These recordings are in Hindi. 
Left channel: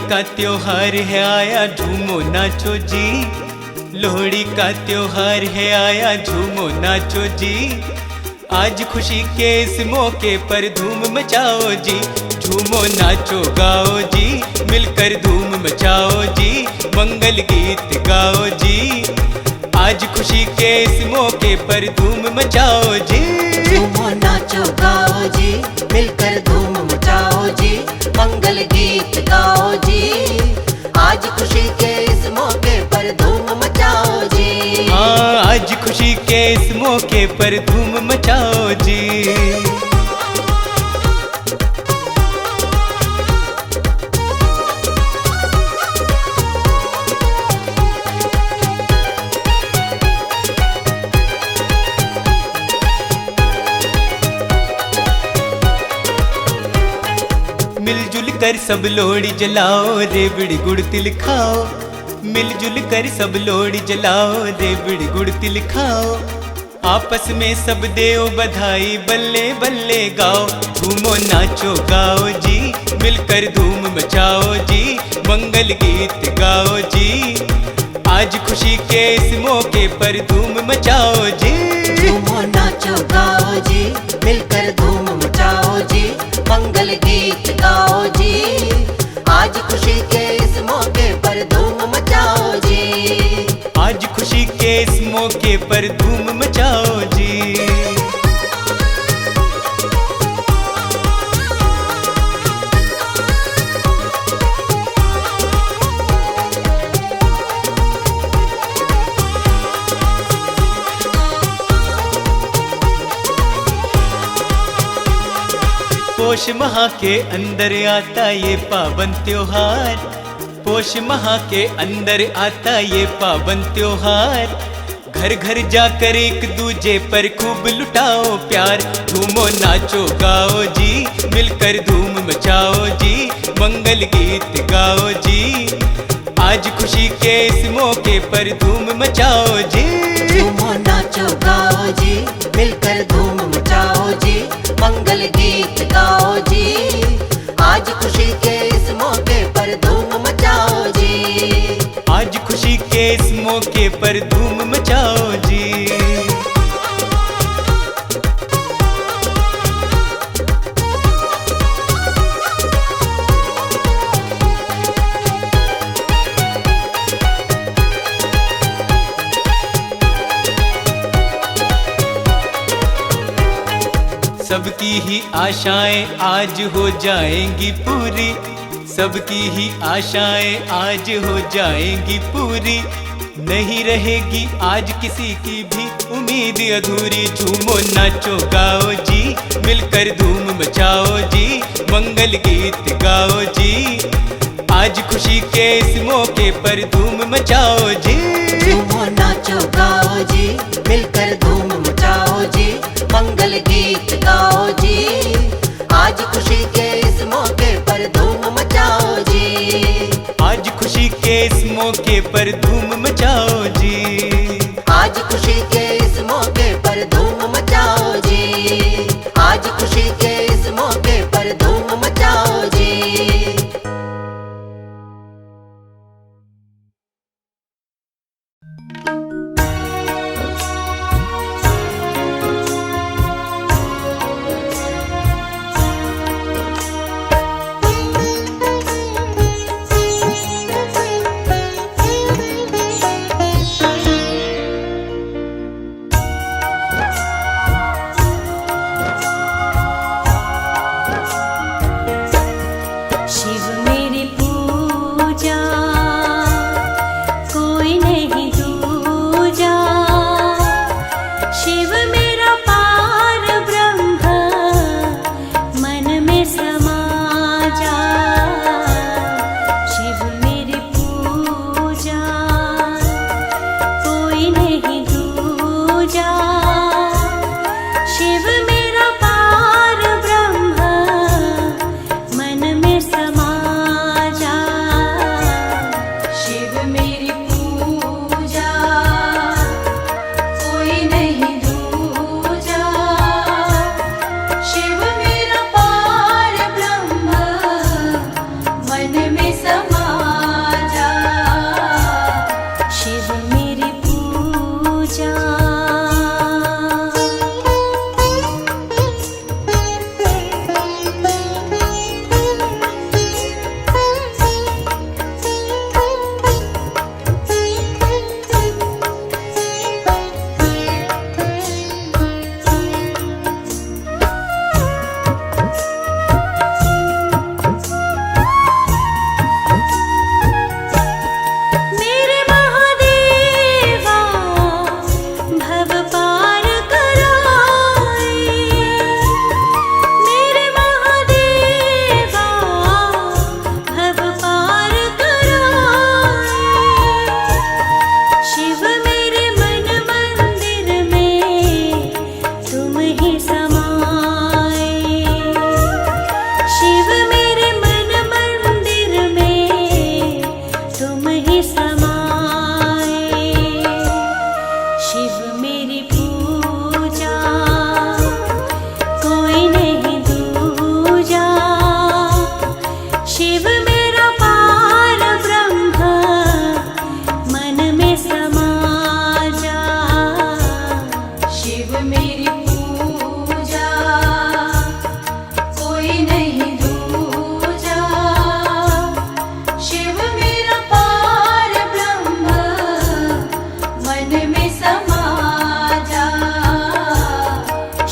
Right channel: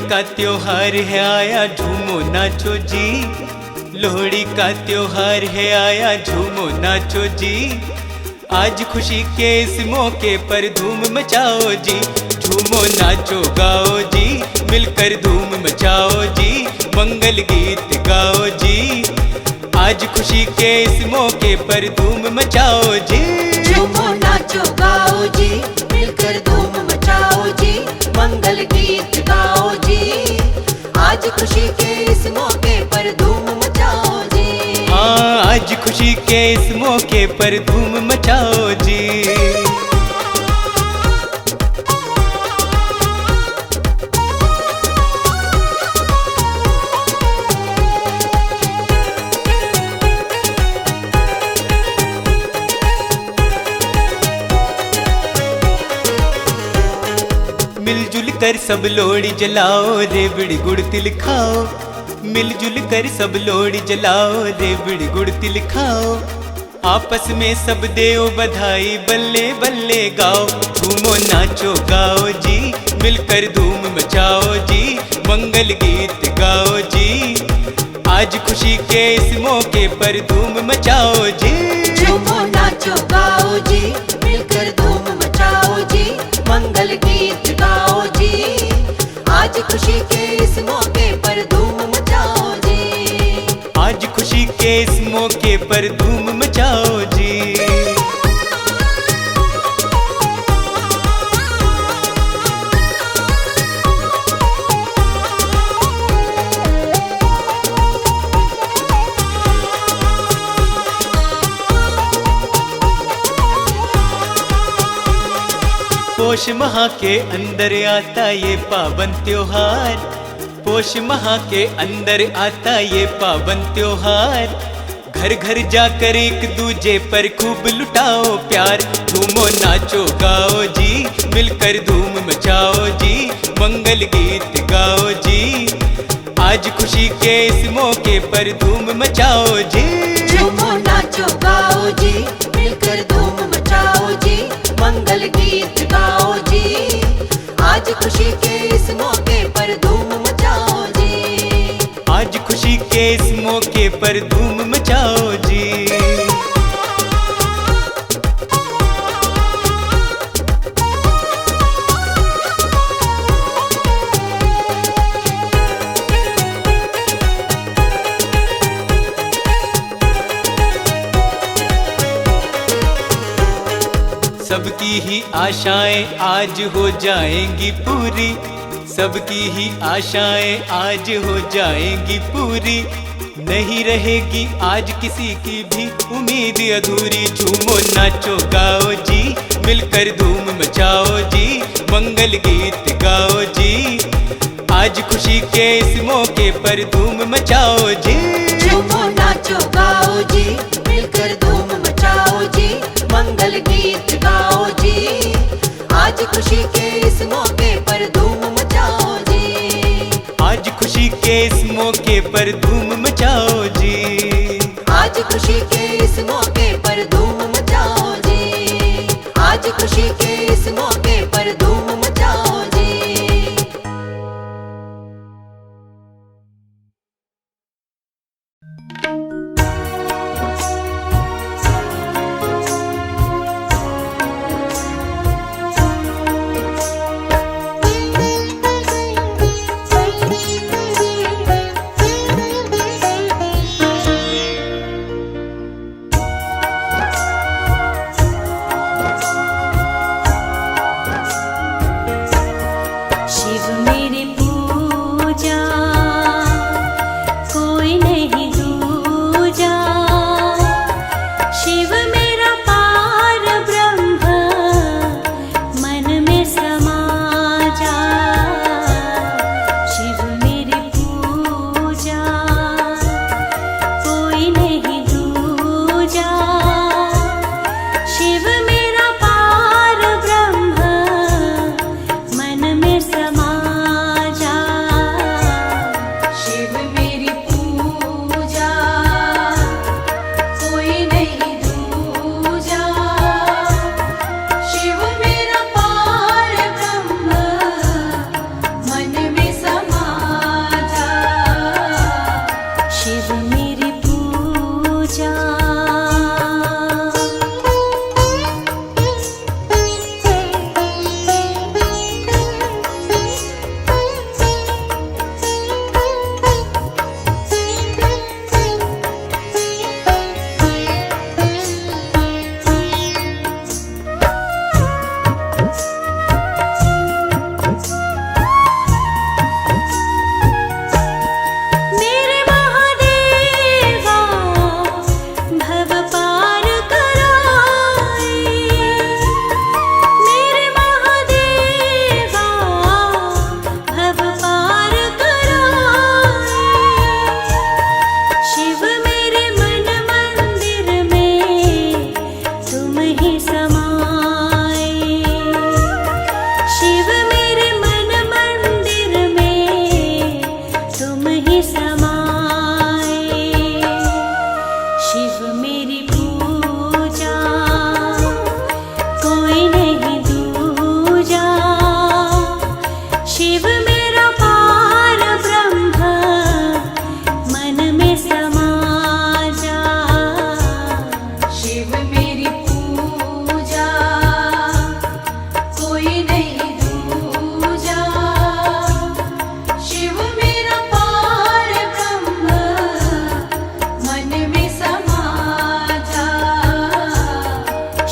का त्योहार है आया झूमो नाचो जी। लोहड़ी का त्योहार है आया झूमो नाचो जी। आज खुशी के इस मौके पर धूम मचाओ जी। झूमो नाचो गाओ जी, मिलकर धूम मचाओ जी। मंगल गीत गाओ जी। आज खुशी के इस मौके पर धूम मचाओ जी। झूमो नाचो गाओ जी, मिलकर धूम मचाओ जी। मंगल गीत गाओ जी। आज खुशी के इस मौके पर धूम मचाओ जी। हाँ, आज खुशी के इस मौके पर धूम मचाओ जी। मिलजुल कर सब लोहड़ी जलाओ, रेवड़ी गुड़ तिल खाओ। मिलजुल कर सब लोहड़ी जलाओ, रेवड़ी गुड़ तिल खाओ। आपस में सब देओ बधाई, बल्ले बल्ले गाओ। झूमो नाचो गाओ जी, मिलकर धूम मचाओ जी। मंगल गीत गाओ जी। आज खुशी के इस मौके पर धूम मचाओ जी। झूमो नाचो गाओ जी, मिलकर धूम मचाओ जी। मंगल गीत गाओ जी। आज खुशी के इस मौके पर धूम मचाओ जी। आज खुशी के इस मौके पर धूम मचाओ जी। पोष माह के अंदर आता ये पावन त्योहार। पोष माह के अंदर आता ये पावन त्योहार। घर घर जाकर एक दूजे पर खूब लुटाओ प्यार। झूमो नाचो गाओ जी, मिलकर धूम मचाओ जी। मंगल गीत गाओ जी। आज खुशी के इस मौके पर धूम मचाओ जी। झूमो नाचो गाओ जी, मिलकर धूम मचाओ जी। मंगल गीत गाओ जी। आज खुशी के इस मौके पर धूम मचाओ जी। आज खुशी के इस मौके पर धूम मचाओ जी। सबकी ही आशाएं आज हो जाएंगी पूरी। सबकी ही आशाएं आज हो जाएंगी पूरी। नहीं रहेगी आज किसी की भी उम्मीद अधूरी। झूमो नाचो गाओ जी, मिलकर धूम मचाओ जी। मंगल गीत गाओ जी। आज खुशी के इस मौके पर धूम मचाओ जी। झूमो नाचो गाओ जी, मिलकर धूम मचाओ जी। मंगल गीत गाओ जी। आज खुशी के इस मौके पर धूम मचाओ जी। आज खुशी के इस मौके पर धूम मचाओ जी। आज खुशी के इस मौके पर धूम मचाओ जी। आज खुशी के इस मौके पर धूम मचाओ जी। समाए। शिव मेरी पूजा कोई नहीं दूजा। शिव मेरा पार ब्रह्म मन में समा जा। शिव मेरी पूजा कोई नहीं दूजा। शिव मेरा पार ब्रह्म मन में समा जा।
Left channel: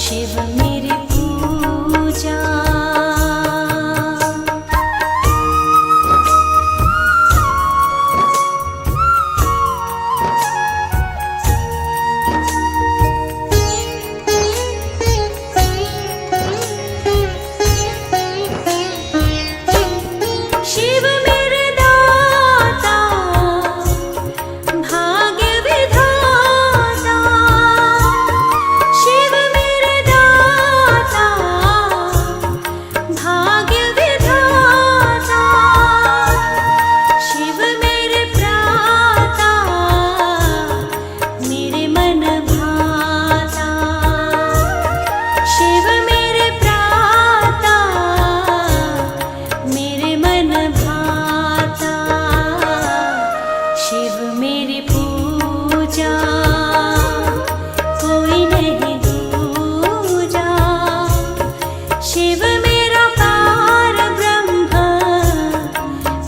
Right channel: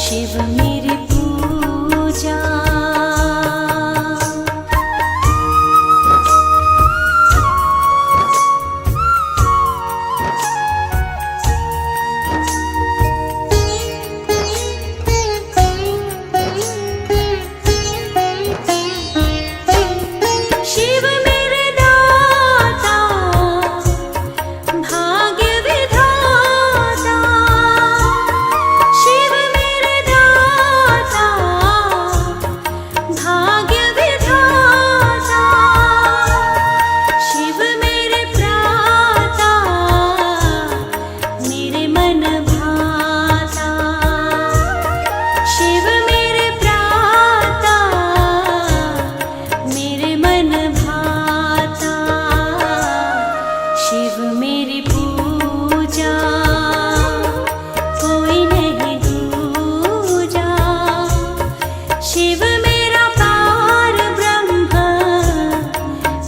शिव मेरी पूजा। शिव मेरे दाता भाग्य विधाता। शिव मेरे दाता भाग्य विधाता। शिव मेरे प्राता मेरे मन भाता। शिव मेरे प्राता मेरे मन भाता। शिव मेरी पूजा कोई नहीं दूजा। शिव मेरा पार ब्रह्म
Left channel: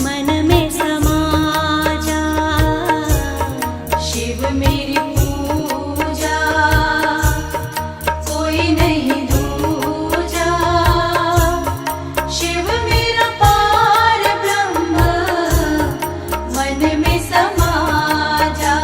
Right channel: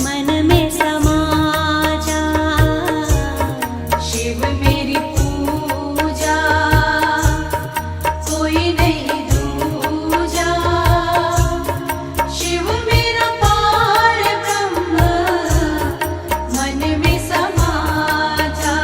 मन में समा जा। शिव मेरी पूजा कोई नहीं दूजा। शिव मेरा पार ब्रह्म मन में समा जा।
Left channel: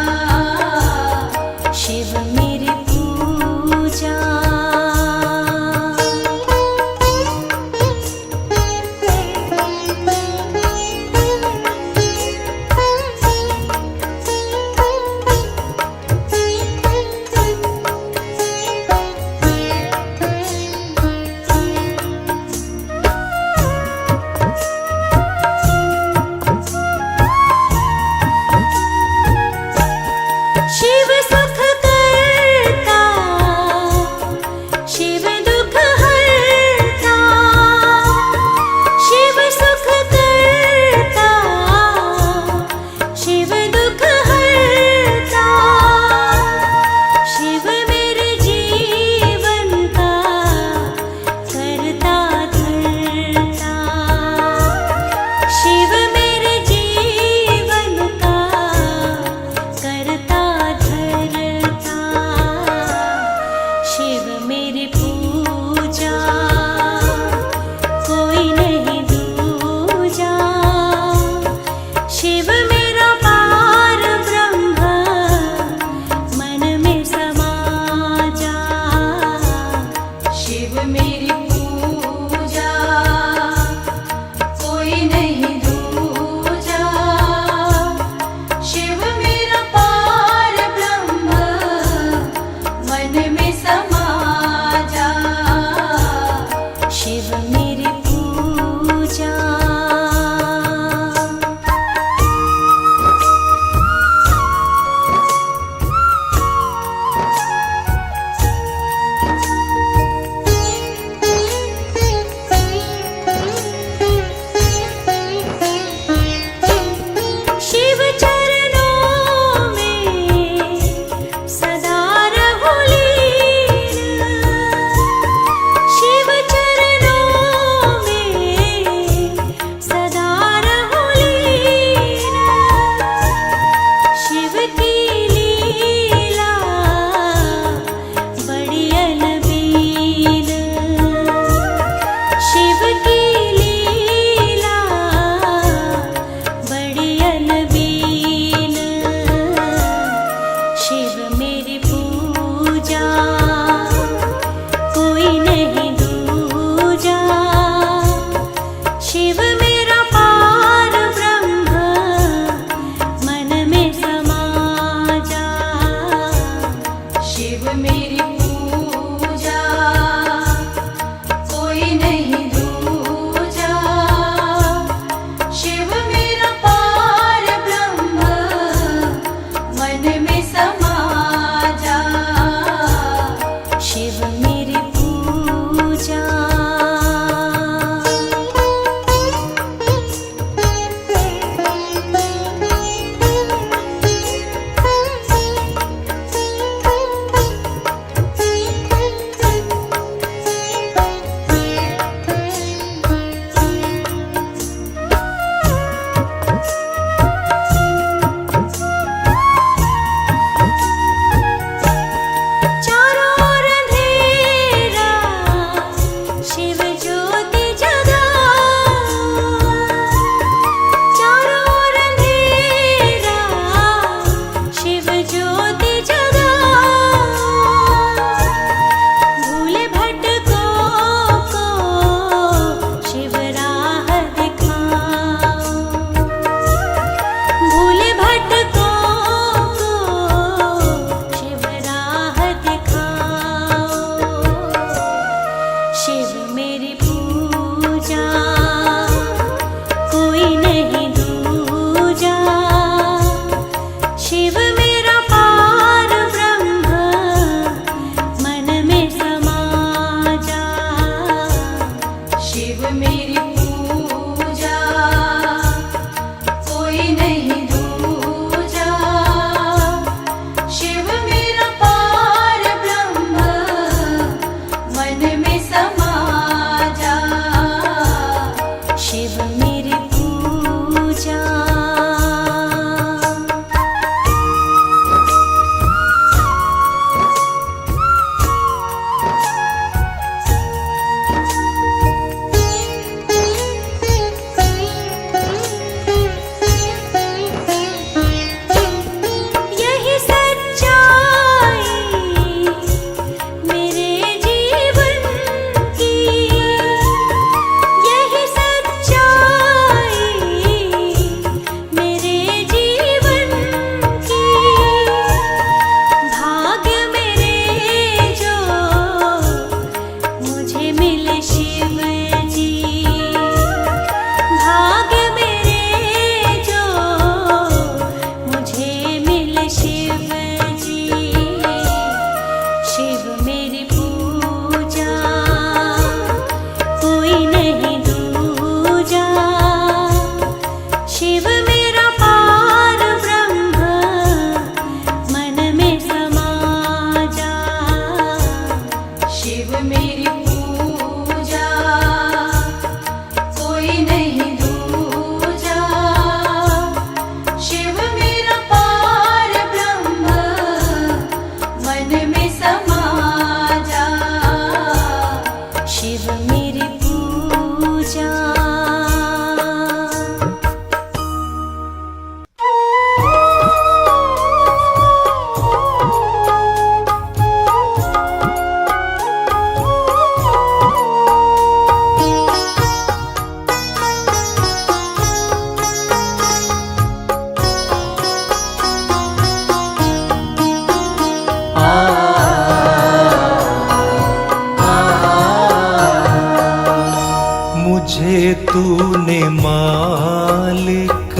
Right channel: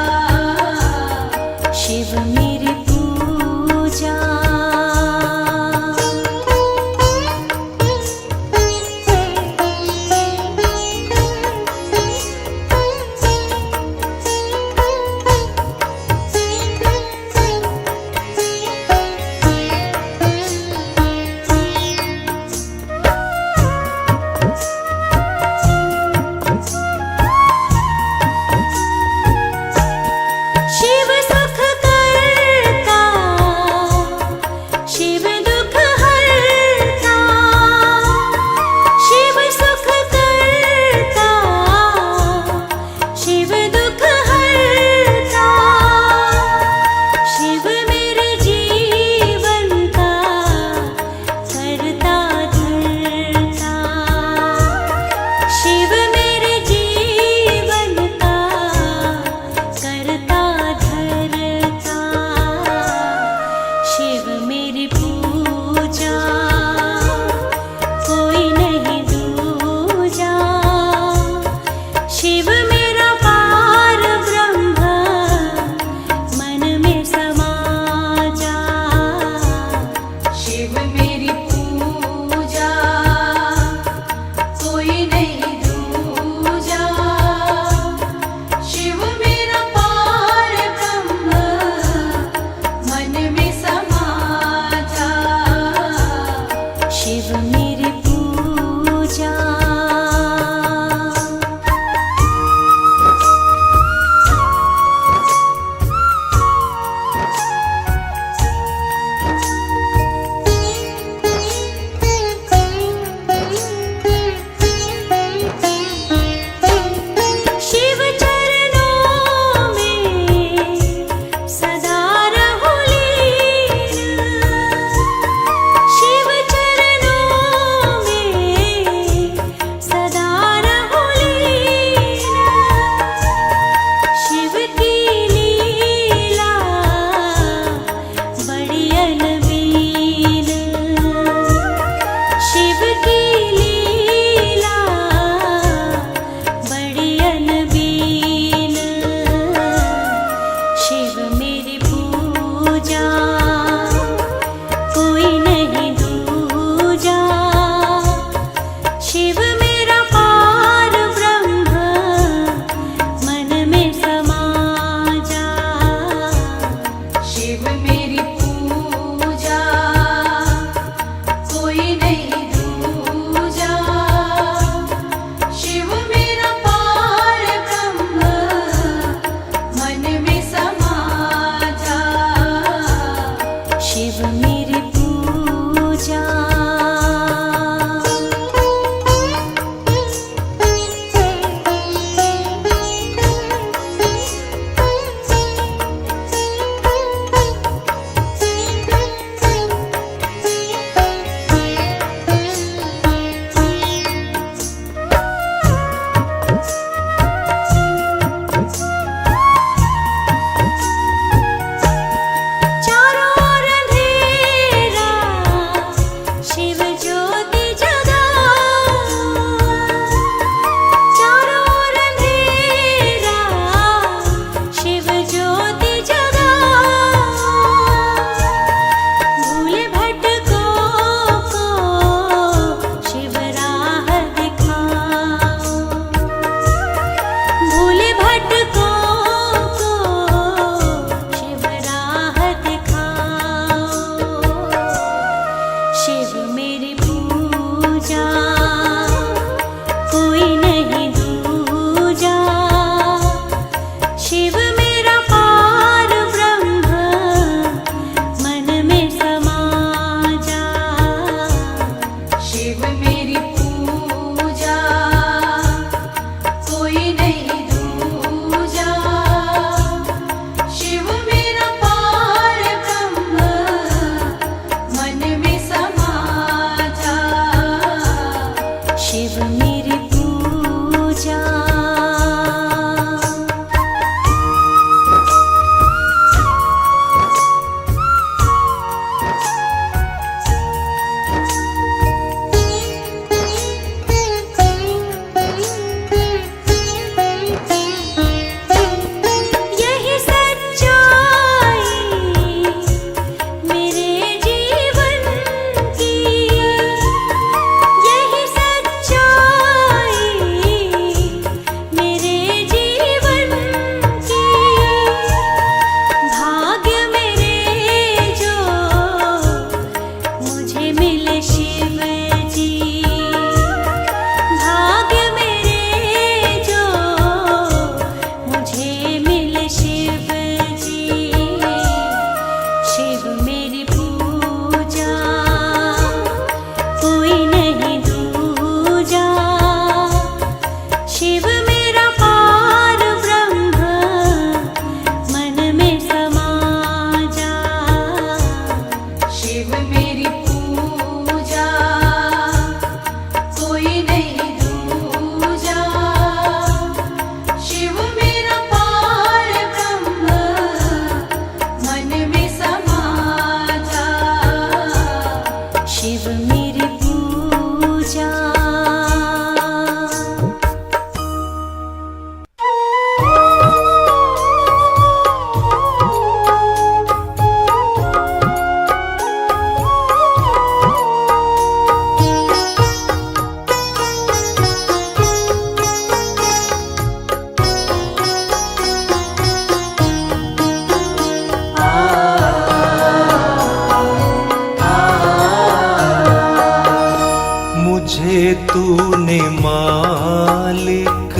तूने मालिक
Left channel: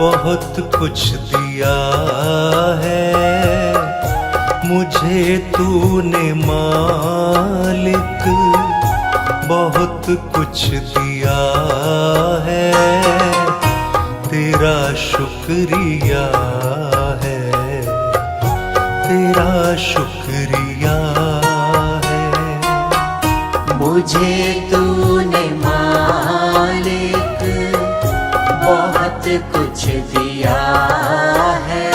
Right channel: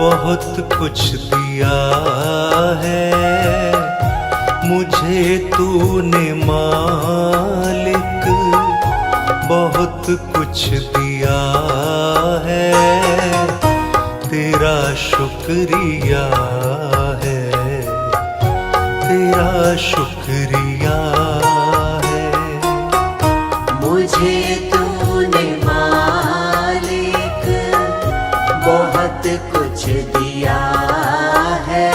बहुत कुछ दिया है, मुझे तूने मालिक बहुत कुछ दिया है। तेरा शुक्रिया है, तेरा शुक्रिया है। मुझे तूने मालिक बहुत कुछ दिया है,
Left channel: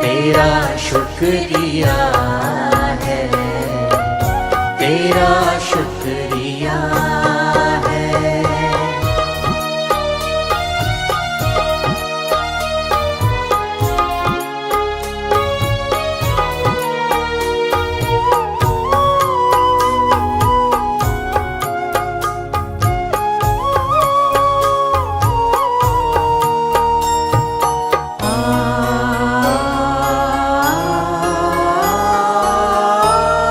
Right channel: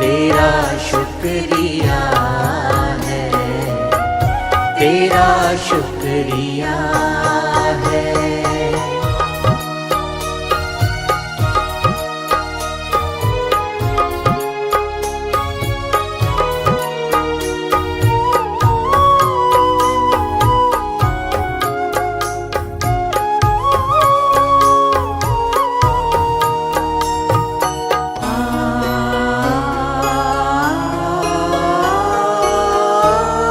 तेरा शुक्रिया है, तेरा शुक्रिया है।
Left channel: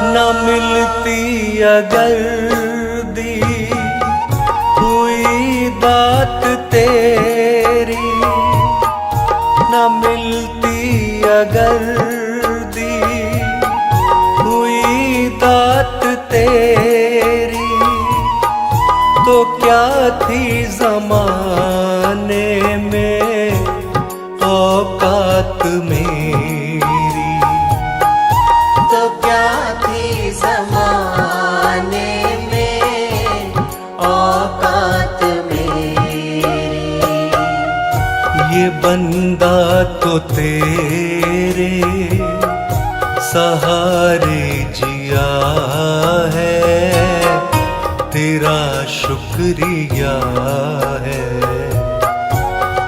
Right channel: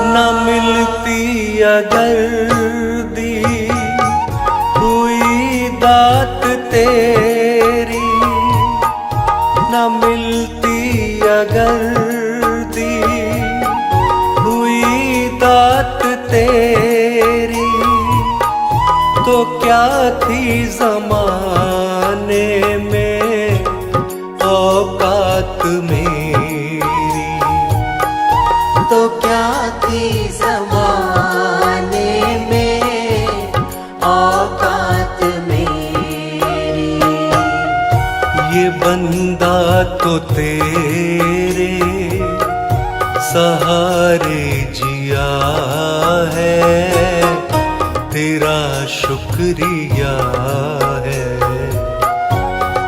न मिलती अगर दी हुई दात तेरी, न मिलती अगर दी हुई दात तेरी, तो क्या थी ज़माने में औकात मेरी। तो क्या थी ज़माने में औकात मेरी। ये बंदा तो तेरे सहारे जिया है, तेरा शुक्रिया है,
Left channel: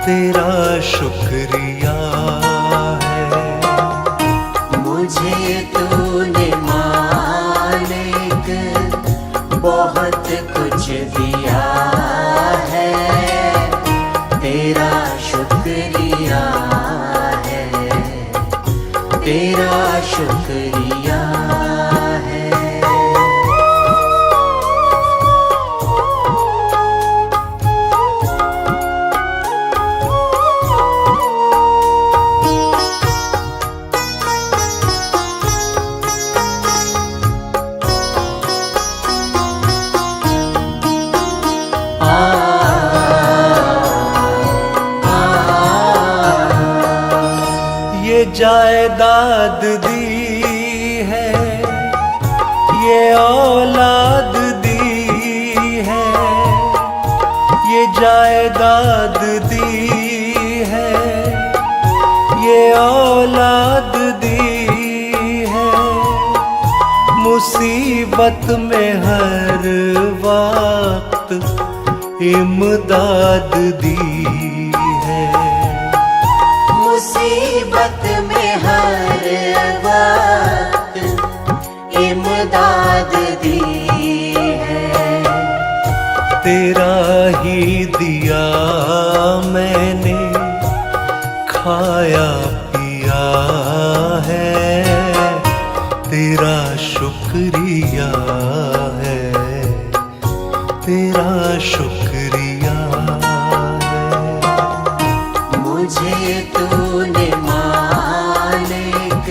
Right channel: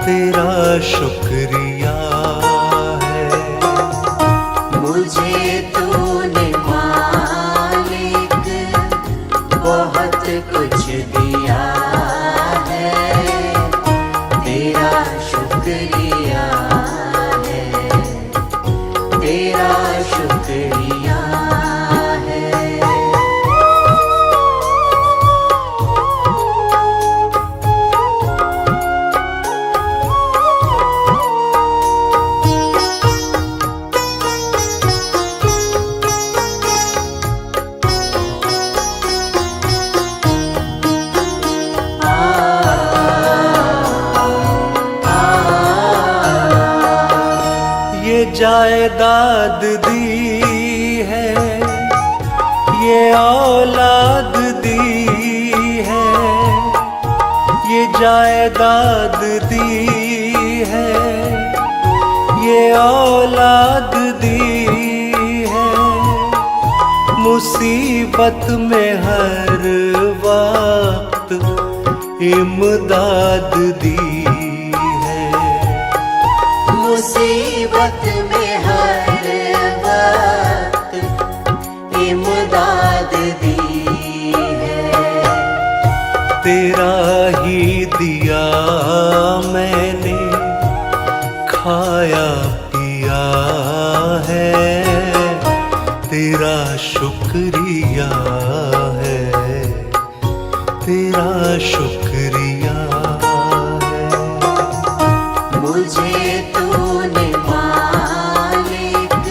तेरा शुक्रिया है। मुझे तूने मालिक बहुत कुछ दिया है, तेरा शुक्रिया है, तेरा शुक्रिया है। ये जायदाद दी है, ये औलाद दी है, ये जायदाद दी है, ये औलाद दी है। मुसीबत में हर वक्त इमदाद दी है। मुसीबत में हर वक्त इमदाद दी है। तेरा ही दिया मैंने खाया पिया है, तेरा शुक्रिया है, तेरा शुक्रिया है। मुझे तूने मालिक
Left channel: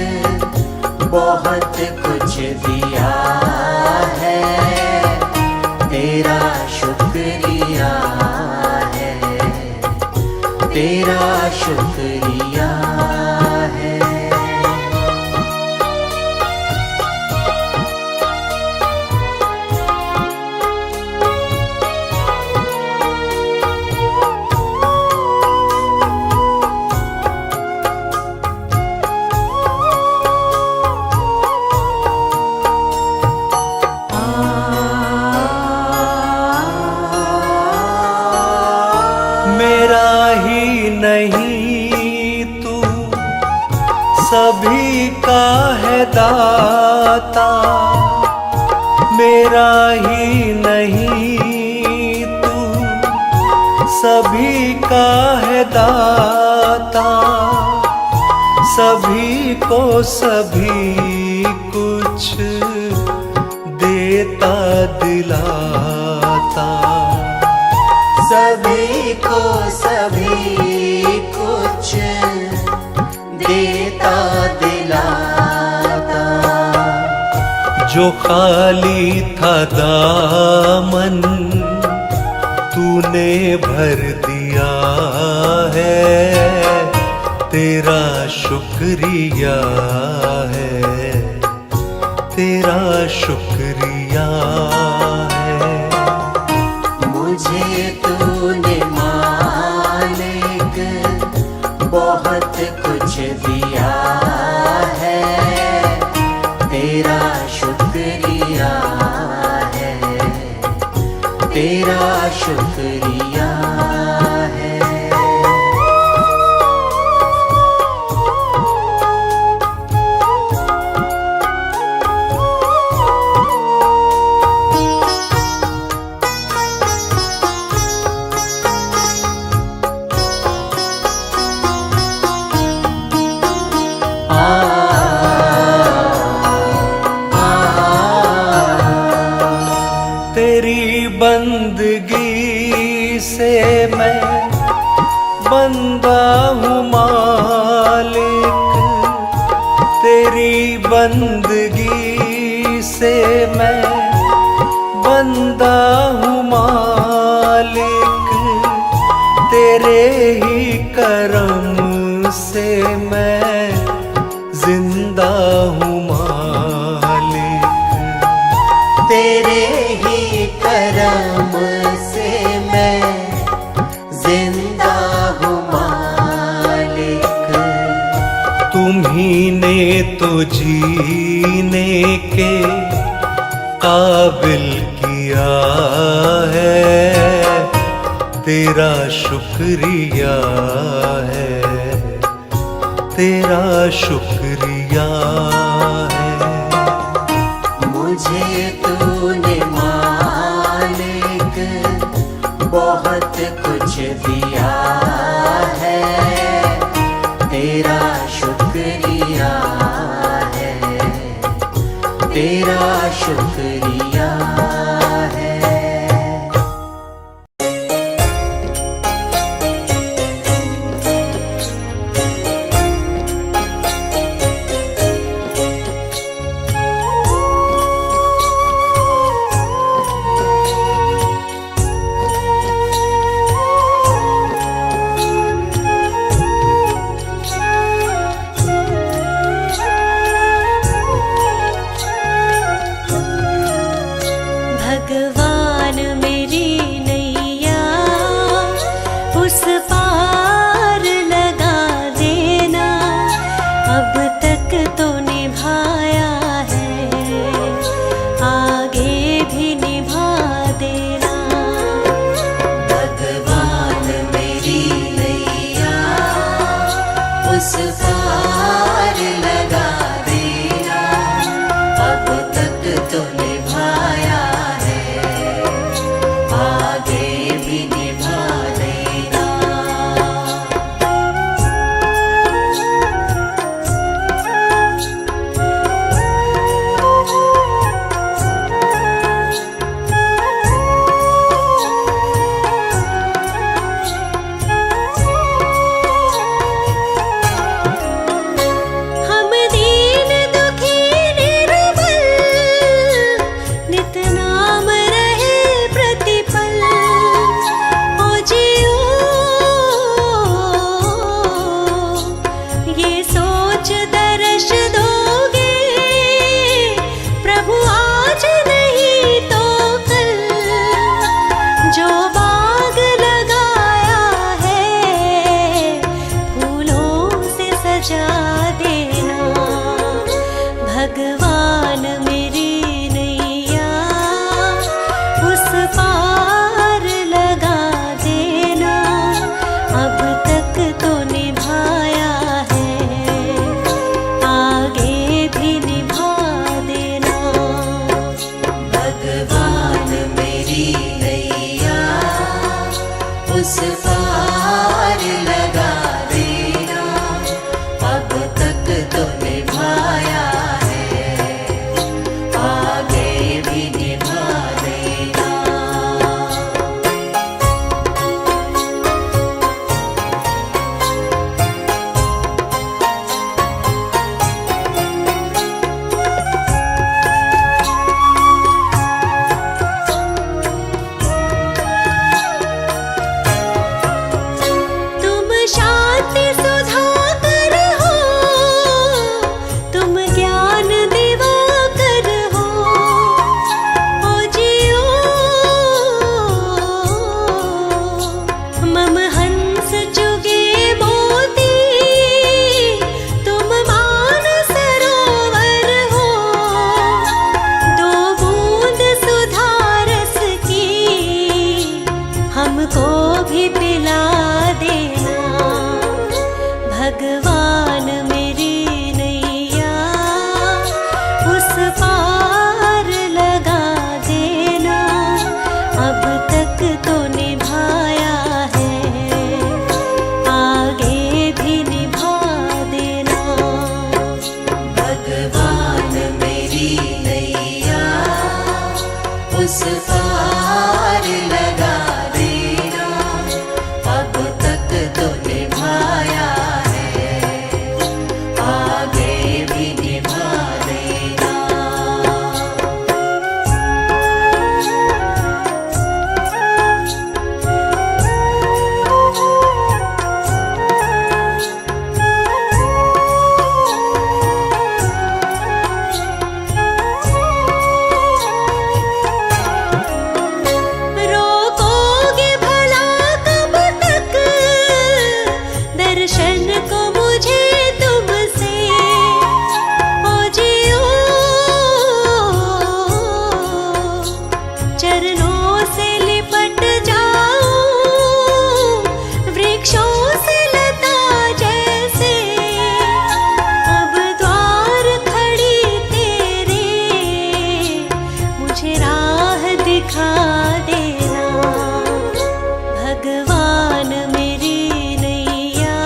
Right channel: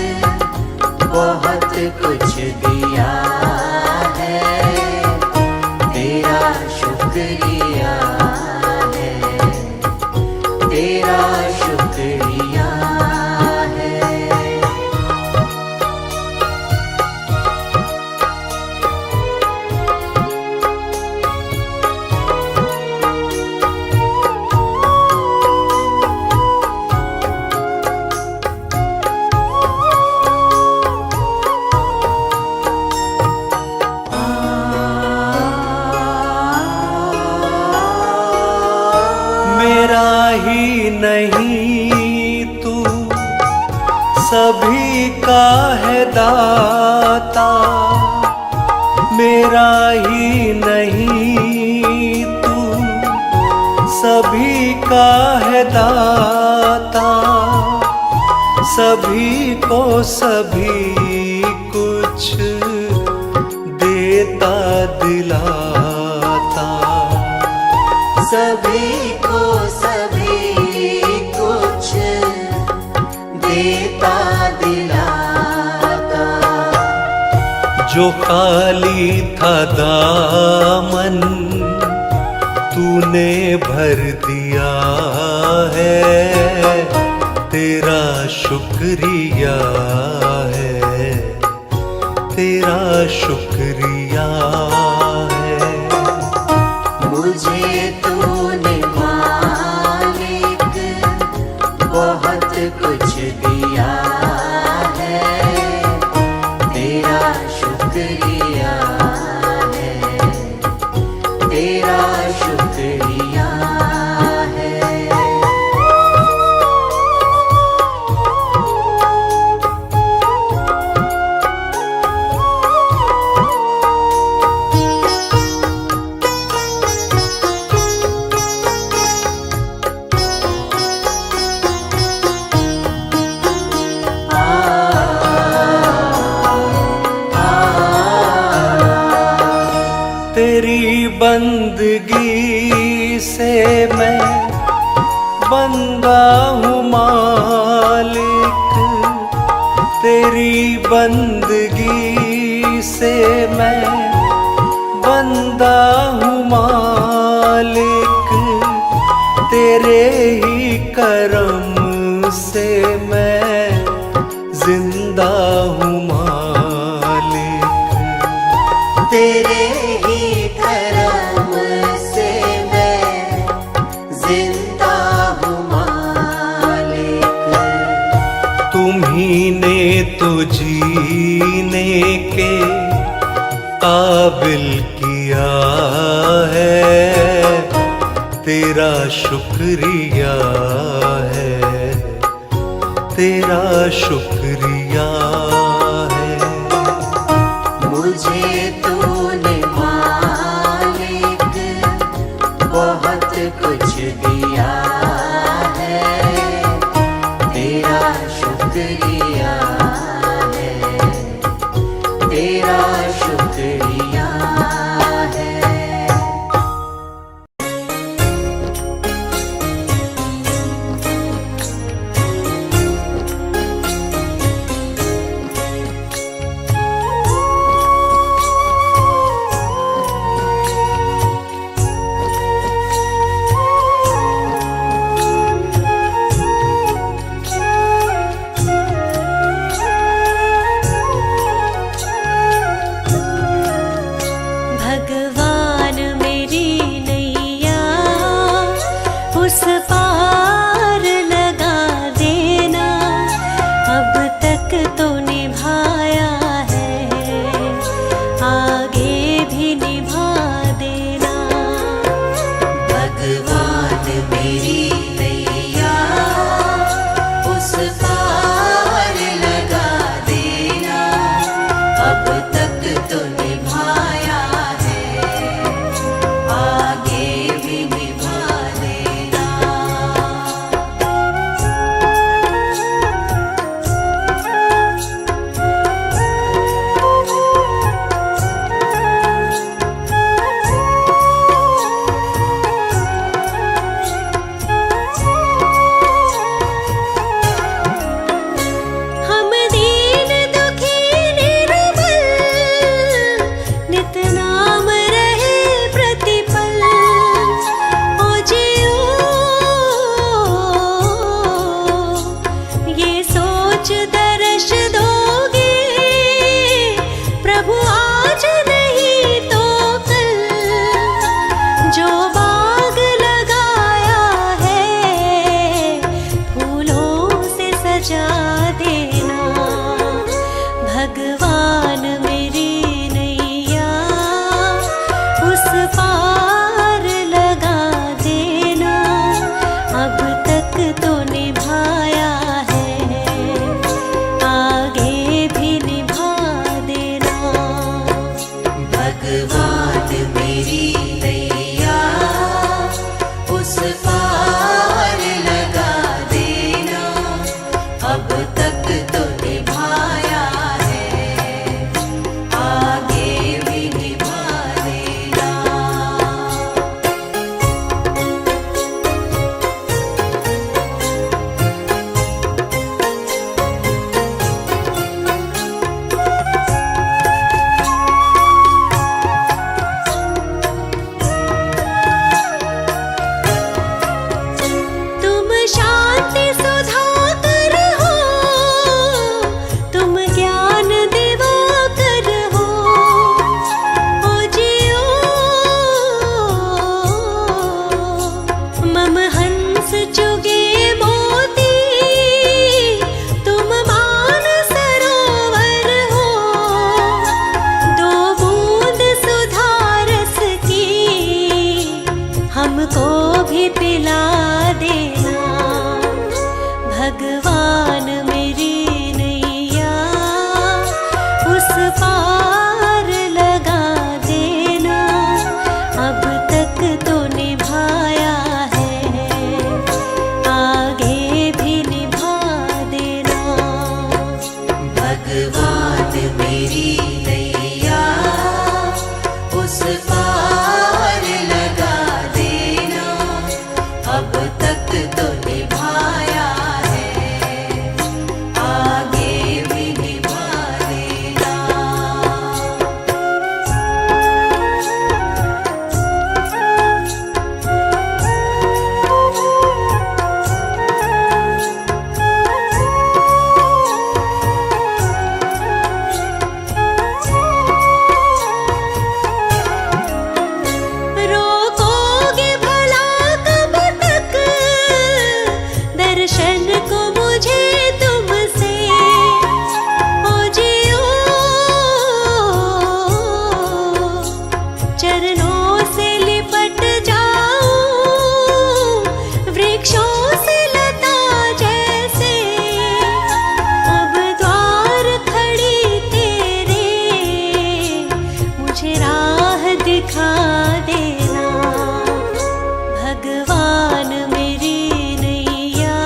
बहुत कुछ दिया है, तेरा शुक्रिया है, तेरा शुक्रिया है। मेरा ही नहीं तू सभी का है दाता, मेरा ही नहीं तू सभी का है दाता। सभी को सभी कुछ देता दिलाता। सभी को सभी कुछ देता दिलाता। जो खाली था दामन तूने भर दिया है, तेरा शुक्रिया है, तेरा शुक्रिया है। मुझे तूने मालिक बहुत कुछ दिया है, तेरा शुक्रिया है, तेरा शुक्रिया है। तेरी बंदगी से मैं बंदा हूँ मालिक, तेरी बंदगी से मैं बंदा हूँ मालिक, तेरे ही करम से मैं जिंदा हूँ मालिक। तेरे ही करम से मैं जिंदा हूँ मालिक। तुम्ही ने तो जीने के काबिल किया है, तेरा शुक्रिया है, तेरा शुक्रिया है। मुझे तूने मालिक बहुत कुछ दिया है, तेरा शुक्रिया है, तेरा शुक्रिया है। भगवान मेरी नैया उस पार लगा देना, अब तक तो निभाया है, आगे भी निभा देना। भगवान मेरी नैया उस पार लगा देना, अब तक तो निभाया है, आगे भी निभा देना। हम दीन दुखी निर्बल नित नाम रहे प्रतिपल, ओ जियो ये सोच दर्श दोगे, प्रभु आज नहीं तो कल, जो बाग लगाया है फूलों से सजा देना। भगवान मेरी नैया उस पार लगा देना, अब तक तो निभाया है, आगे भी निभा देना। भगवान मेरी नैया उस पार लगा देना, अब भगवान मेरी नैया उस पार लगा देना, अब तक तो निभाया है, आगे भी निभा देना। भगवान मेरी नैया उस पार लगा देना, अब तक तो निभाया है, आगे भी निभा देना। रोकोगे भला कब तक दर्शन को मुझे तुमसे, ओ जियो चरणों से लिपट जाऊं, वृक्षों से लता जैसे, अब द्वार खड़ी तेरे, मुझे राह दिखा देना। भगवान मेरी नैया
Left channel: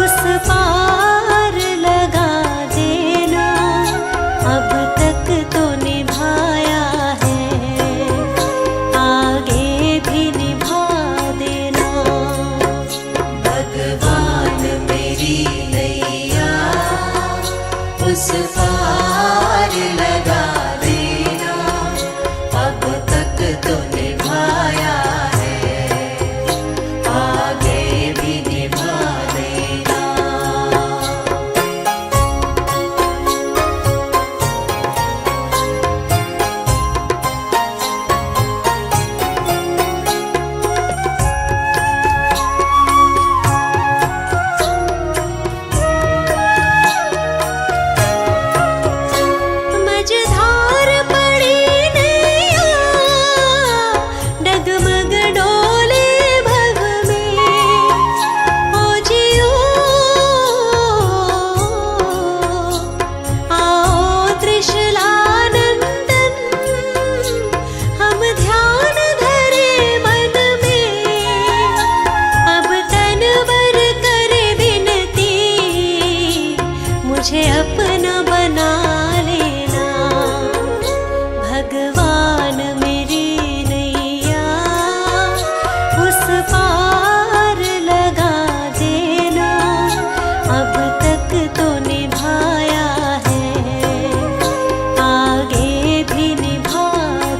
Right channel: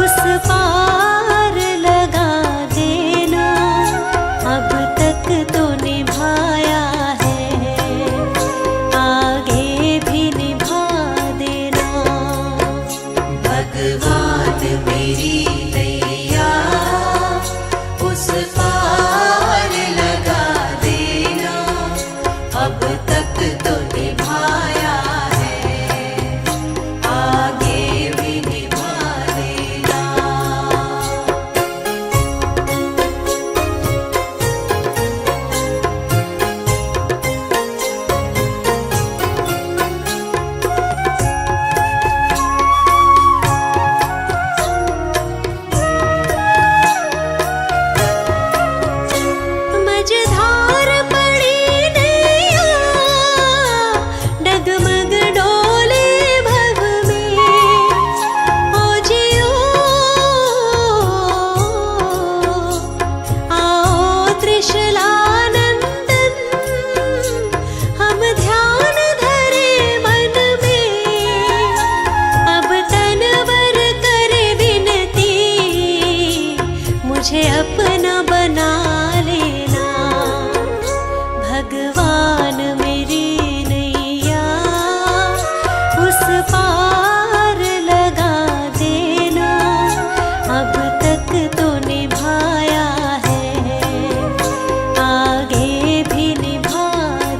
उस पार लगा देना, अब तक तो निभाया है, आगे भी निभा देना। भगवान मेरी नैया उस पार लगा देना, अब तक तो निभाया है, आगे भी निभा देना। मझधार पड़ी नैया, डगमग डोले भव में, ओ जियो आओ त्रिशलानंदन, हम ध्यान धरे मन में, अब तनवर करे विनती, मुझे अपना बना लेना। भगवान मेरी नैया उस पार लगा देना, अब तक तो निभाया है, आगे भी निभा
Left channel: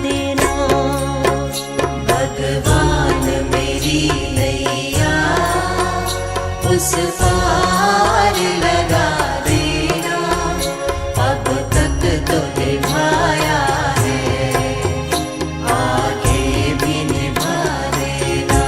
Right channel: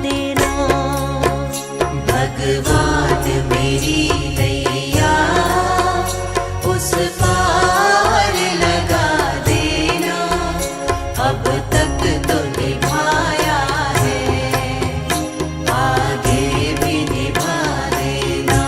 देना। भगवान मेरी नैया उस पार लगा देना, अब तक तो निभाया है, आगे भी निभा देना।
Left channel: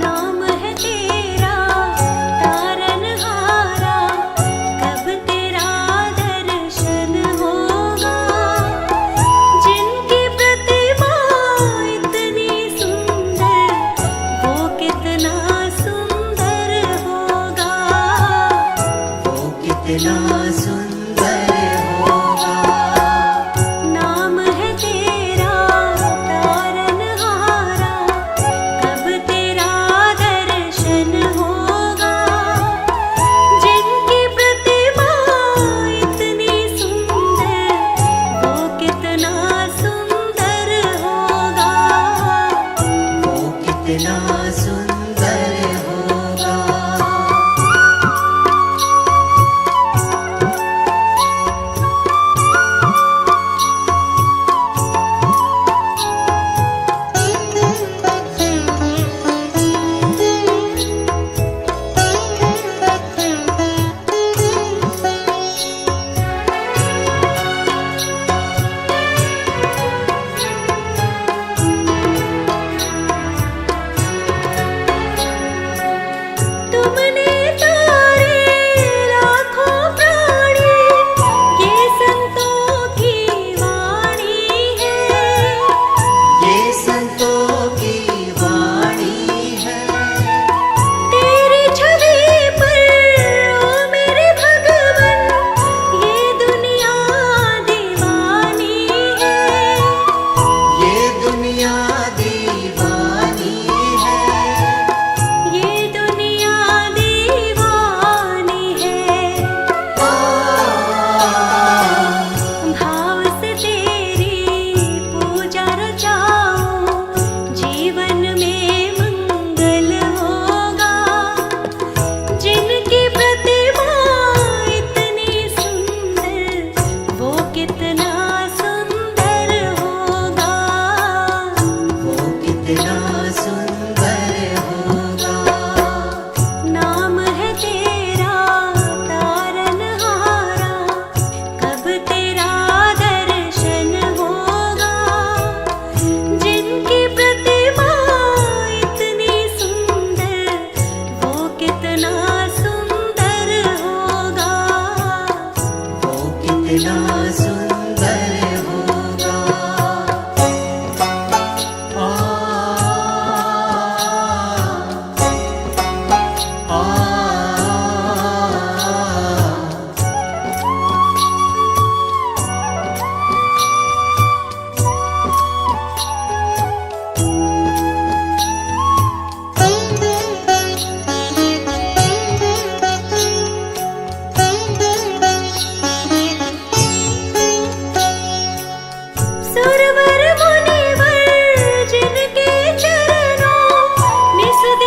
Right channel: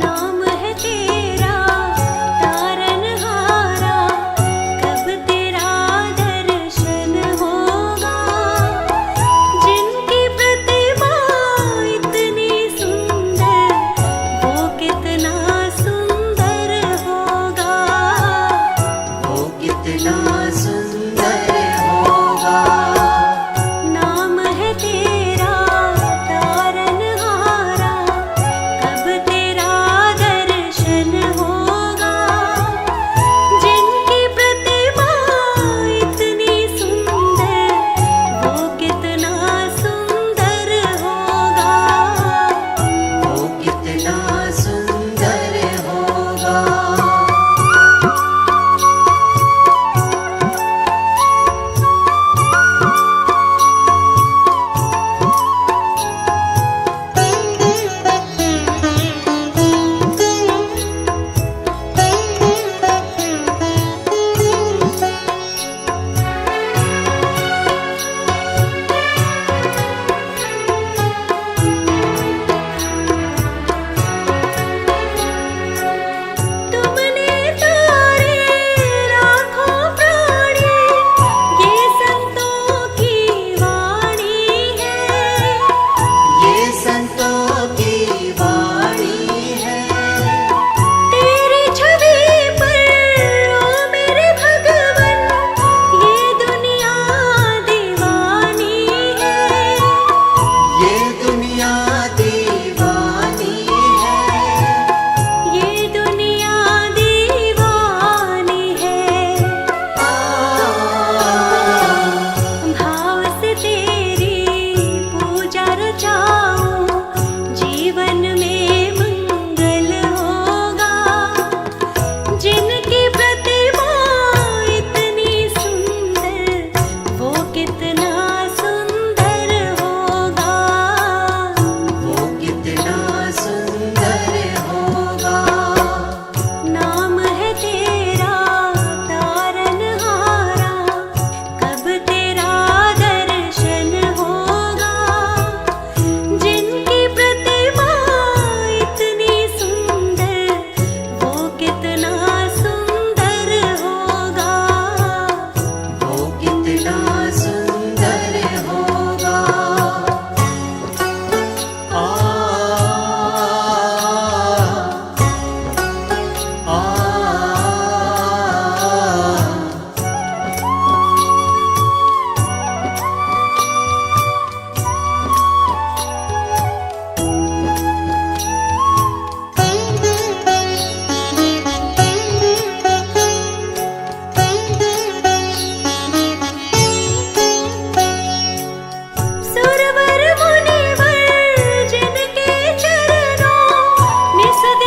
नाम है तेरा तारनहारा, कब तेरा दर्शन होगा, जिनकी प्रतिमा इतनी सुंदर, वो कितना सुंदर होगा, वो कितना सुंदर होगा। नाम है तेरा तारनहारा, कब तेरा दर्शन होगा, जिनकी प्रतिमा इतनी सुंदर, वो कितना सुंदर होगा। वो कितना सुंदर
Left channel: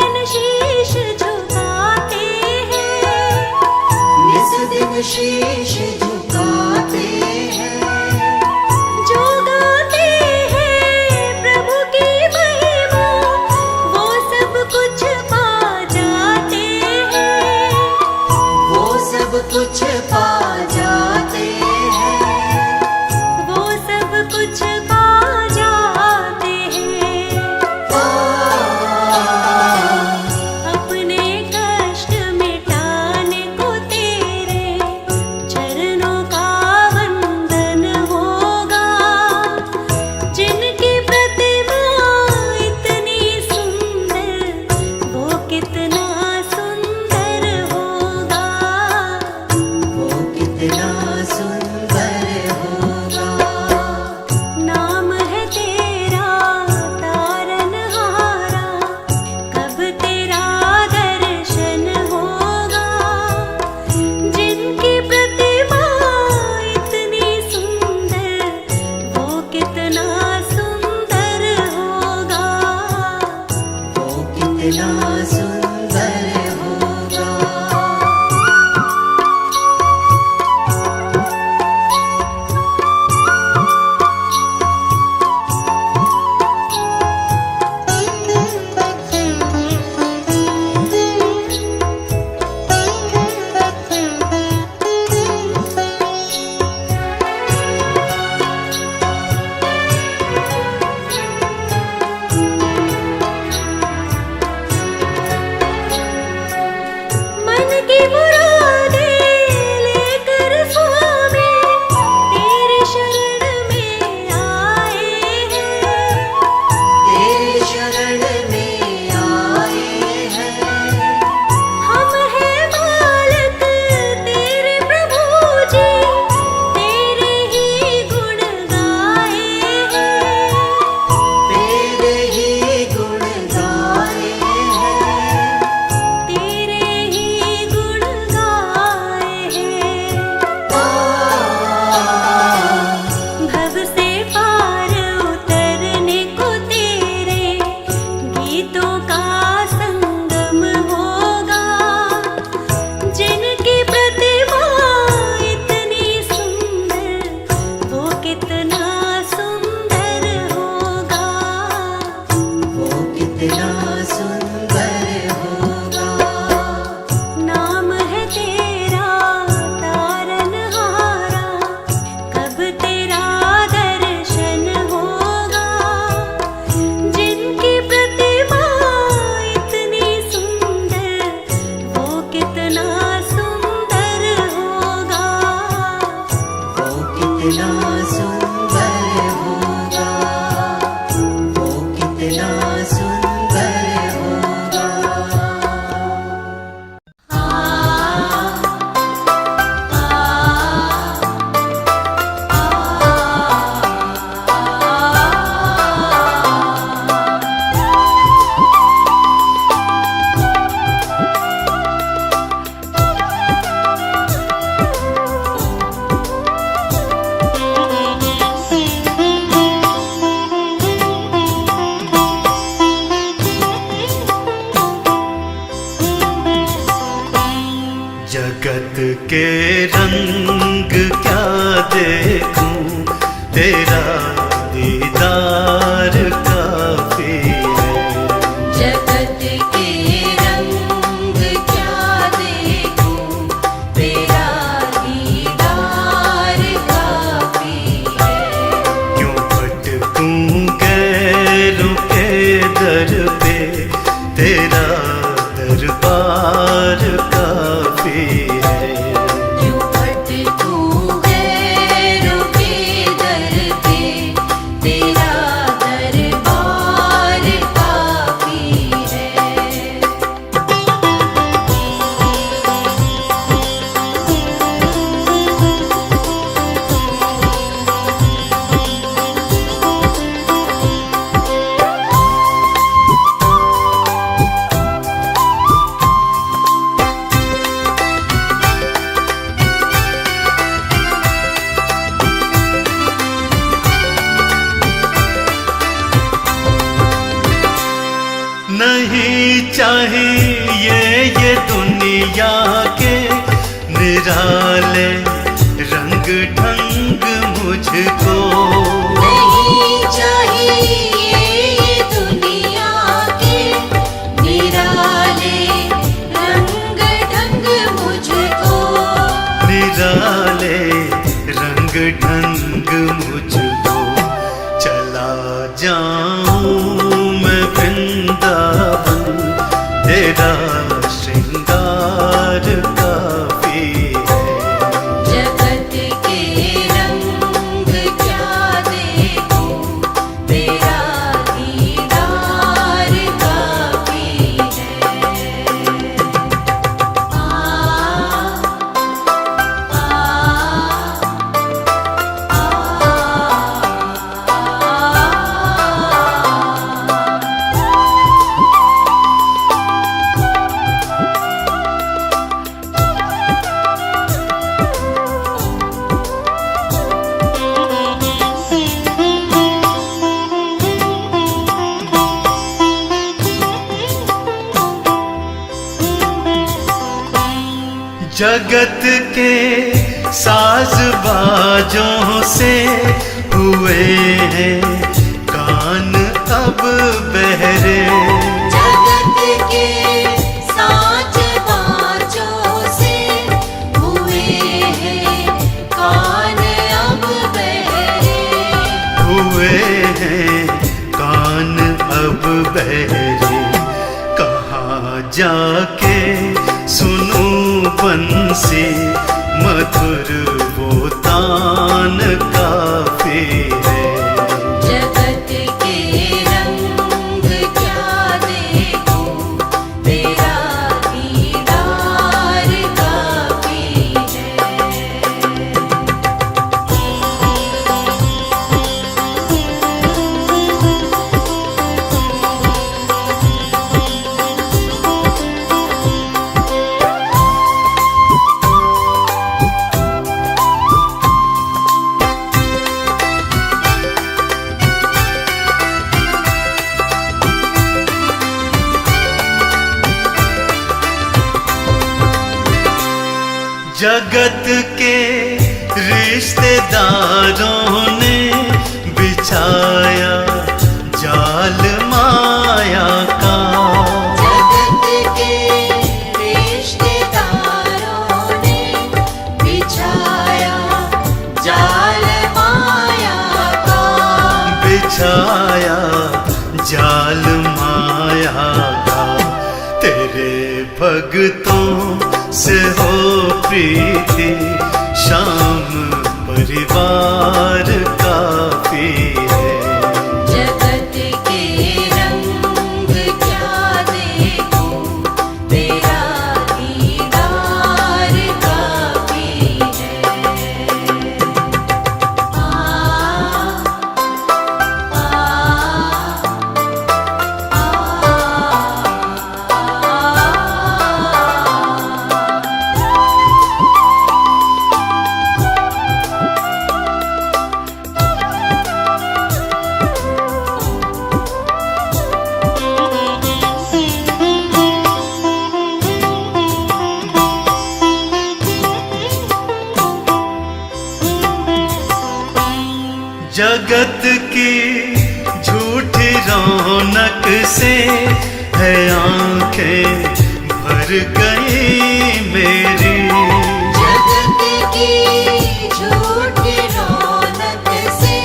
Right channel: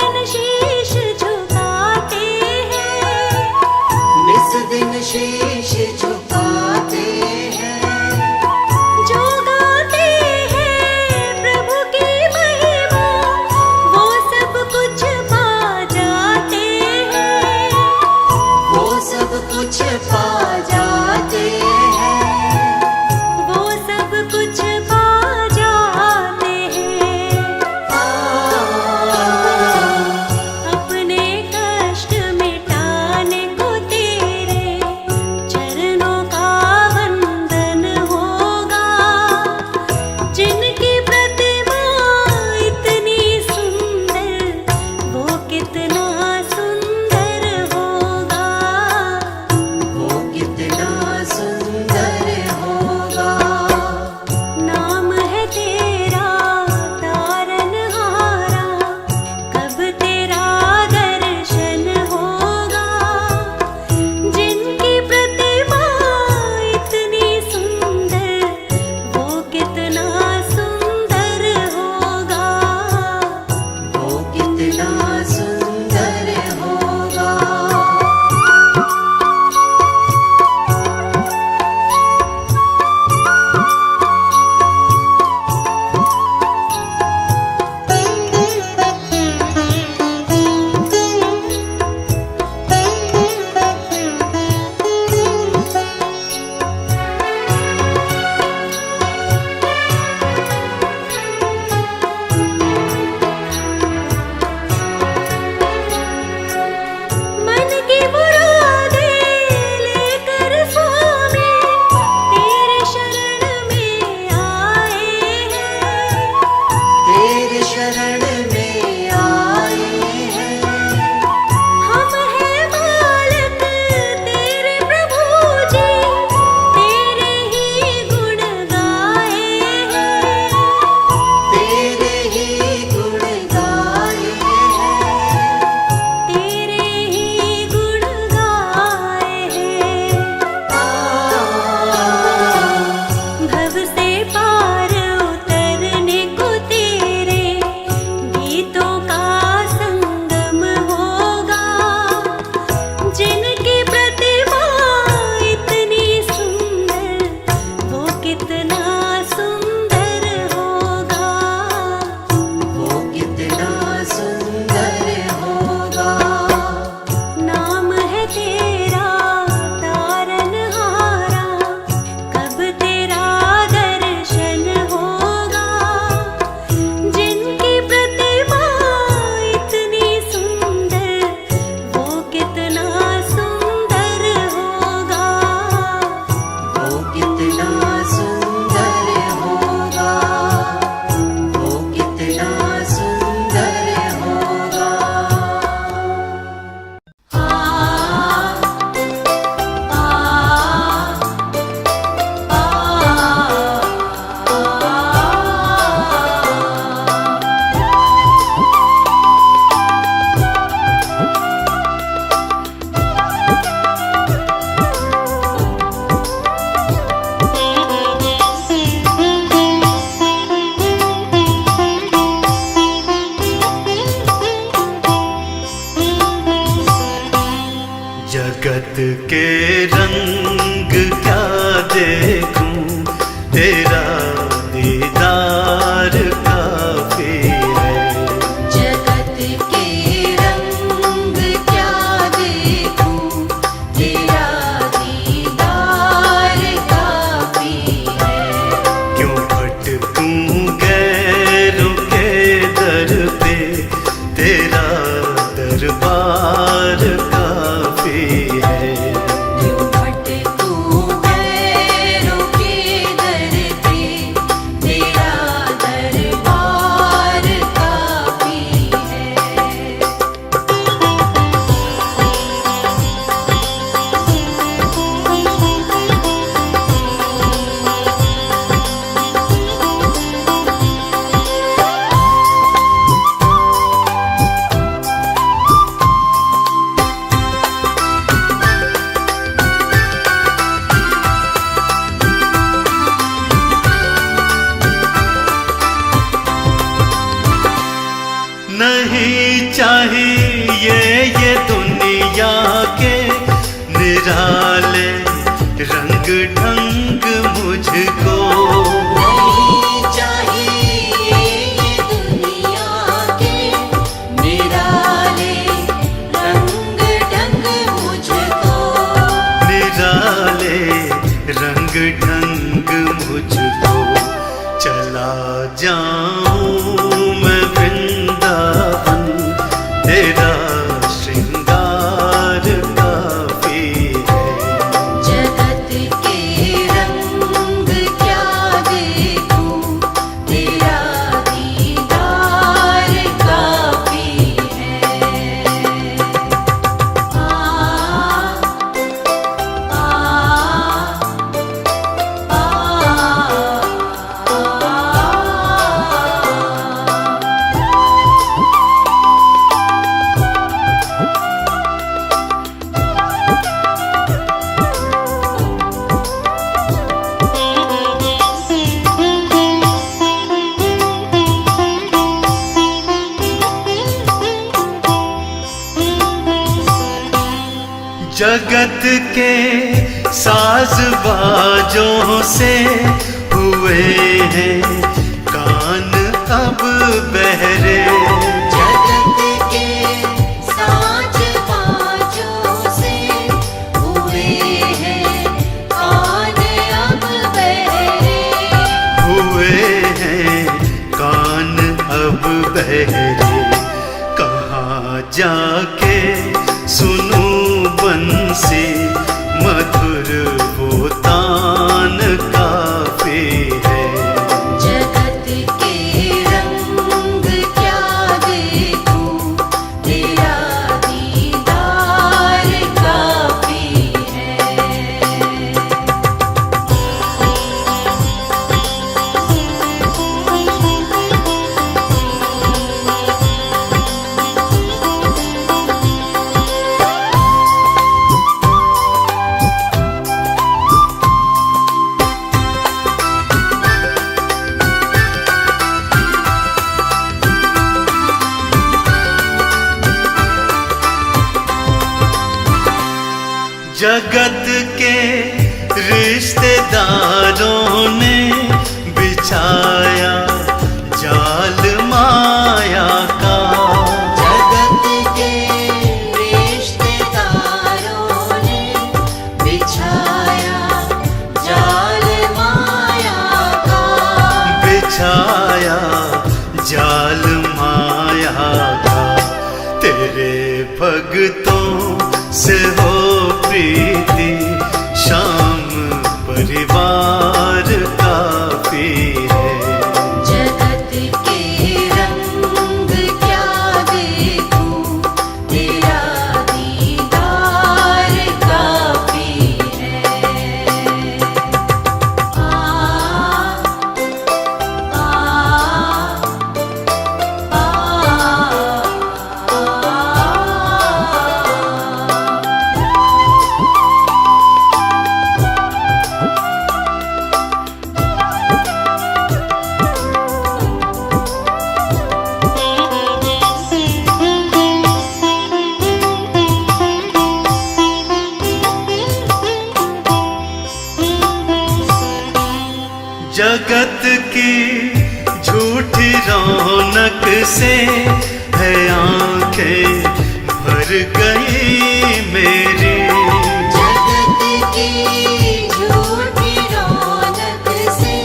दिन शीश झुकाते हैं, इस दिन शीश झुकाते हैं, जो गाते हैं प्रभु की महिमा, वो सब कुछ पा जाते हैं, वो सब कुछ पा जाते हैं, वो सब कुछ पा जाते हैं। अपने कष्ट मिटाने को तेरे चरणों का वंदन होगा, जिनकी प्रतिमा इतनी सुंदर, वो कितना सुंदर होगा, वो कितना सुंदर होगा। नाम है तेरा तारनहारा, कब तेरा दर्शन होगा, जिनकी प्रतिमा इतनी सुंदर, वो कितना सुंदर होगा, वो कितना सुंदर होगा। मन की मुरादें लेकर स्वामी तेरे शरण में आए हैं, तेरे शरण में आए हैं, हम हैं बालक तेरे प्रभु जी, तेरे ही गुण गाए हैं, तेरे ही गुण गाए हैं, तेरे ही गुण गाए हैं। भव से पार उतरने को तेरे गीतों का संगम होगा, जिनकी प्रतिमा इतनी सुंदर, वो कितना सुंदर होगा, वो कितना सुंदर होगा। नाम है तेरा तारनहारा, कब तेरा दर्शन होगा, जिनकी प्रतिमा इतनी सुंदर, वो कितना सुंदर होगा, वो कितना सुंदर होगा, वो कितना सुंदर होगा। जगत के रंग क्या देखूं, तेरा दीदार काफी है। जगत के रंग क्या देखूं, तेरा दीदार काफी है। क्यों भटकूं गैरों के दर पे, तेरा दरबार काफी है। जो भटकूं गैरों के दर पे, तेरा दरबार काफी है। चाहिए ये दुनिया के निराले रंग ढंग मुझको। नहीं चाहिए ये दुनिया के निराले रंग ढंग मुझको। निराले रंग ढंग मुझको। चला जाऊं मैं वृंदावन, तेरा श्रृंगार काफी है। जगत के रंग क्या देखूं, तेरा दीदार काफी है। आ जगत के साज बाजों से हुए हैं कान अब बहरे। जगत के साज बाजों से हुए हैं कान अब बहरे। हुए हैं कान अब बहरे। कहाँ जाके सुनूं बंसी मधुर वो तान काफी है। जगत के रंग क्या देखूं, तेरा दीदार काफी है। जगत के रिश्तेदारों ने बिछाया जाल माया का। जगत के रिश्तेदारों ने बिछाया जाल माया का। बिछाया जाल माया का। तेरे भक्तों से हो प्रीति, शाम परिवार काफी है। जगत के रंग क्या देखूं, तेरा दीदार काफी है। आ जगत की झूठी रौनक से है आंखें भर गई मेरी। जगत की झूठी रौनक से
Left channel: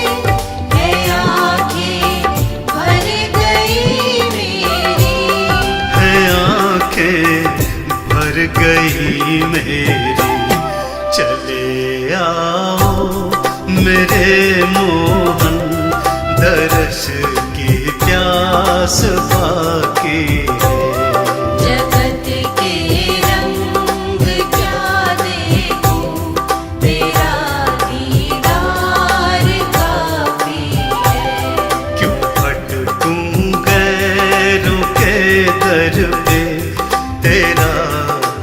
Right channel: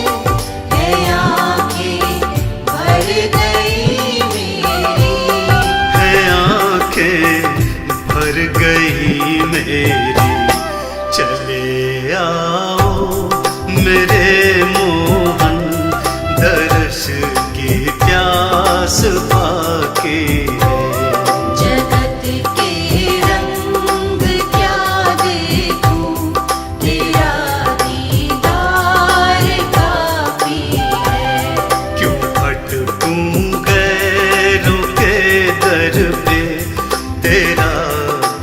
है आँखें भर गई मेरी। है आंखें भर गई मेरी। चले आओ मेरे मोहन, दर्श की प्यास बाकी है। जगत के रंग क्या देखूं, तेरा दीदार काफी है। क्यों भटकूं गैरों के दर पे, तेरा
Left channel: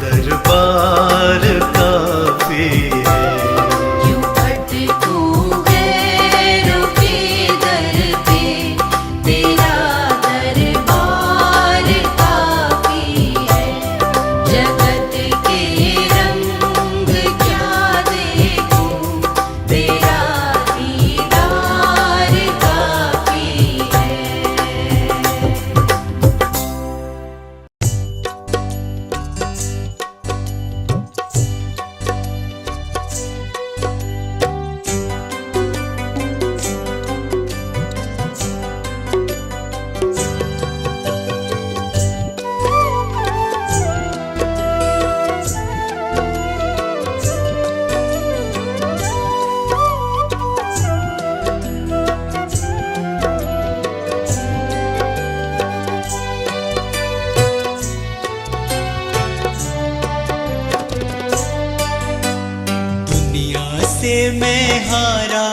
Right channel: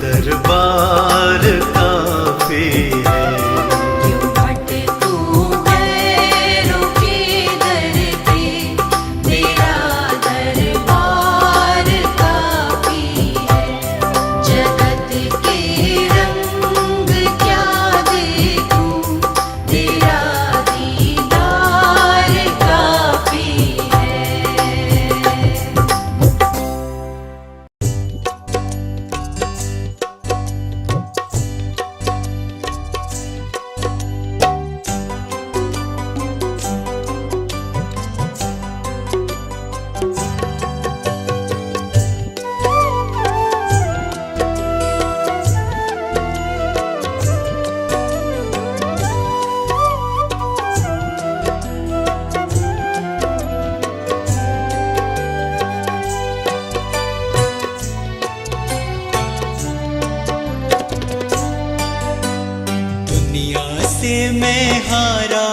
दरबार काफी है। यूं भटकूं गैरों के दर पे, तेरा दरबार काफी से मैं हारा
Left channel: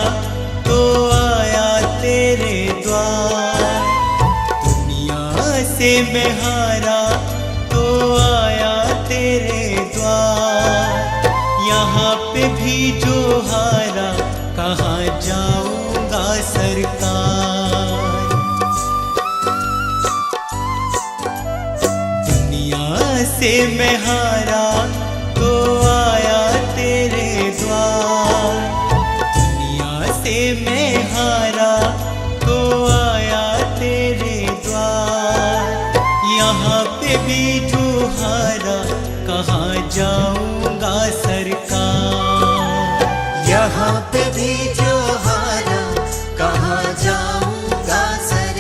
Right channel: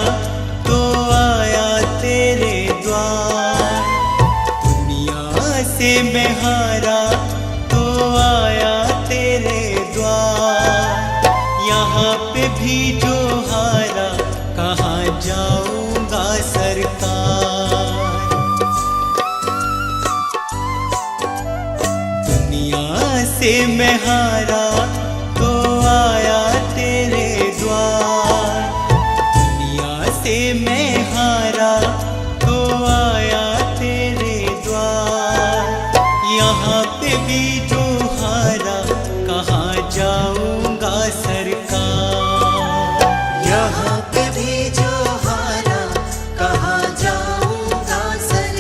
तो आया तेरे द्वार, दुनिया से मैं हारा तो आया तेरे द्वार। यहाँ पे भी जो हारा कहाँ जाऊंगा सरकार। दुनिया से मैं हारा तो आया तेरे द्वार, दुनिया से मैं हारा तो आया तेरे द्वार। यहाँ पे भी जो हारा कहाँ जाऊंगा सरकार। यहाँ पे भी जो हारा कहाँ जाऊंगा सरकार।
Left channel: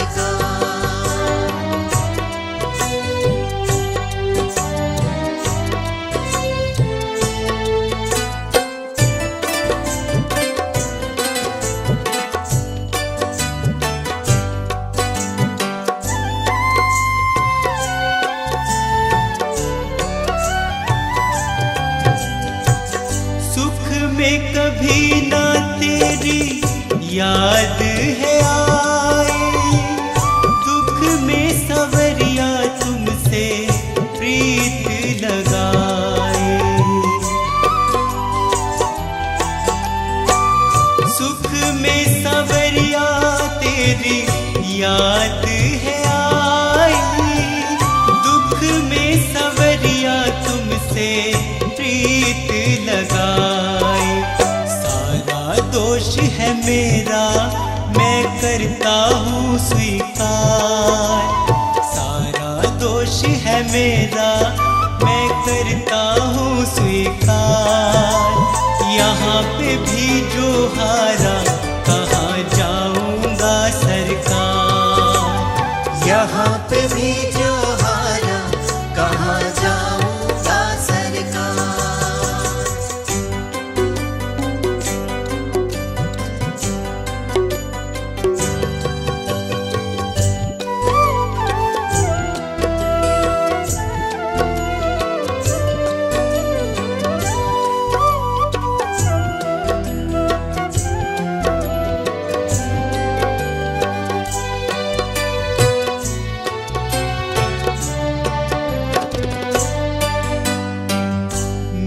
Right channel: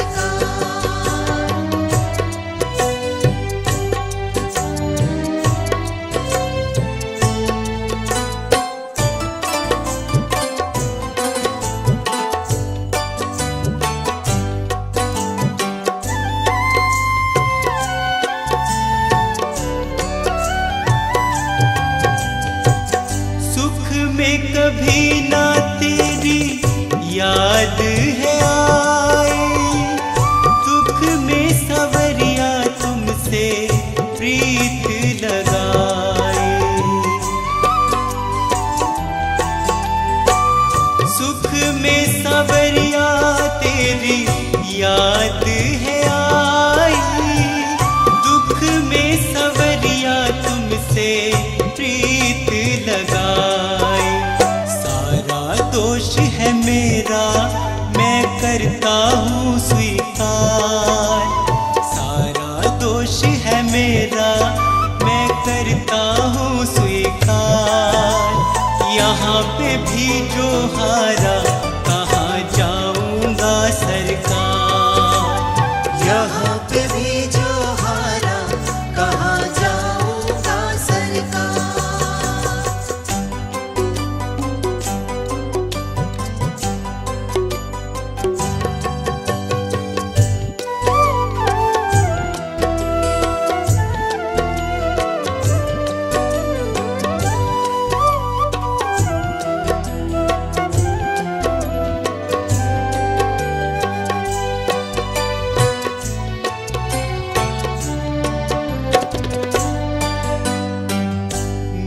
में कभी ना तेरी याद है आई, दुख में सवरिया तुमसे प्रीत लगाई। सुख में सवरिया तेरी याद है आई, दुख में सवरिया तुमसे प्रीत लगाई। सारा दोष है मेरा मैं करता हूँ स्वीकार, सारा दोष है मेरा मैं करता हूँ स्वीकार। यहाँ पे भी जो हारा कहाँ जाऊंगा सरकार। यहाँ पे भी जो हारा कहाँ जाऊंगा सरकार।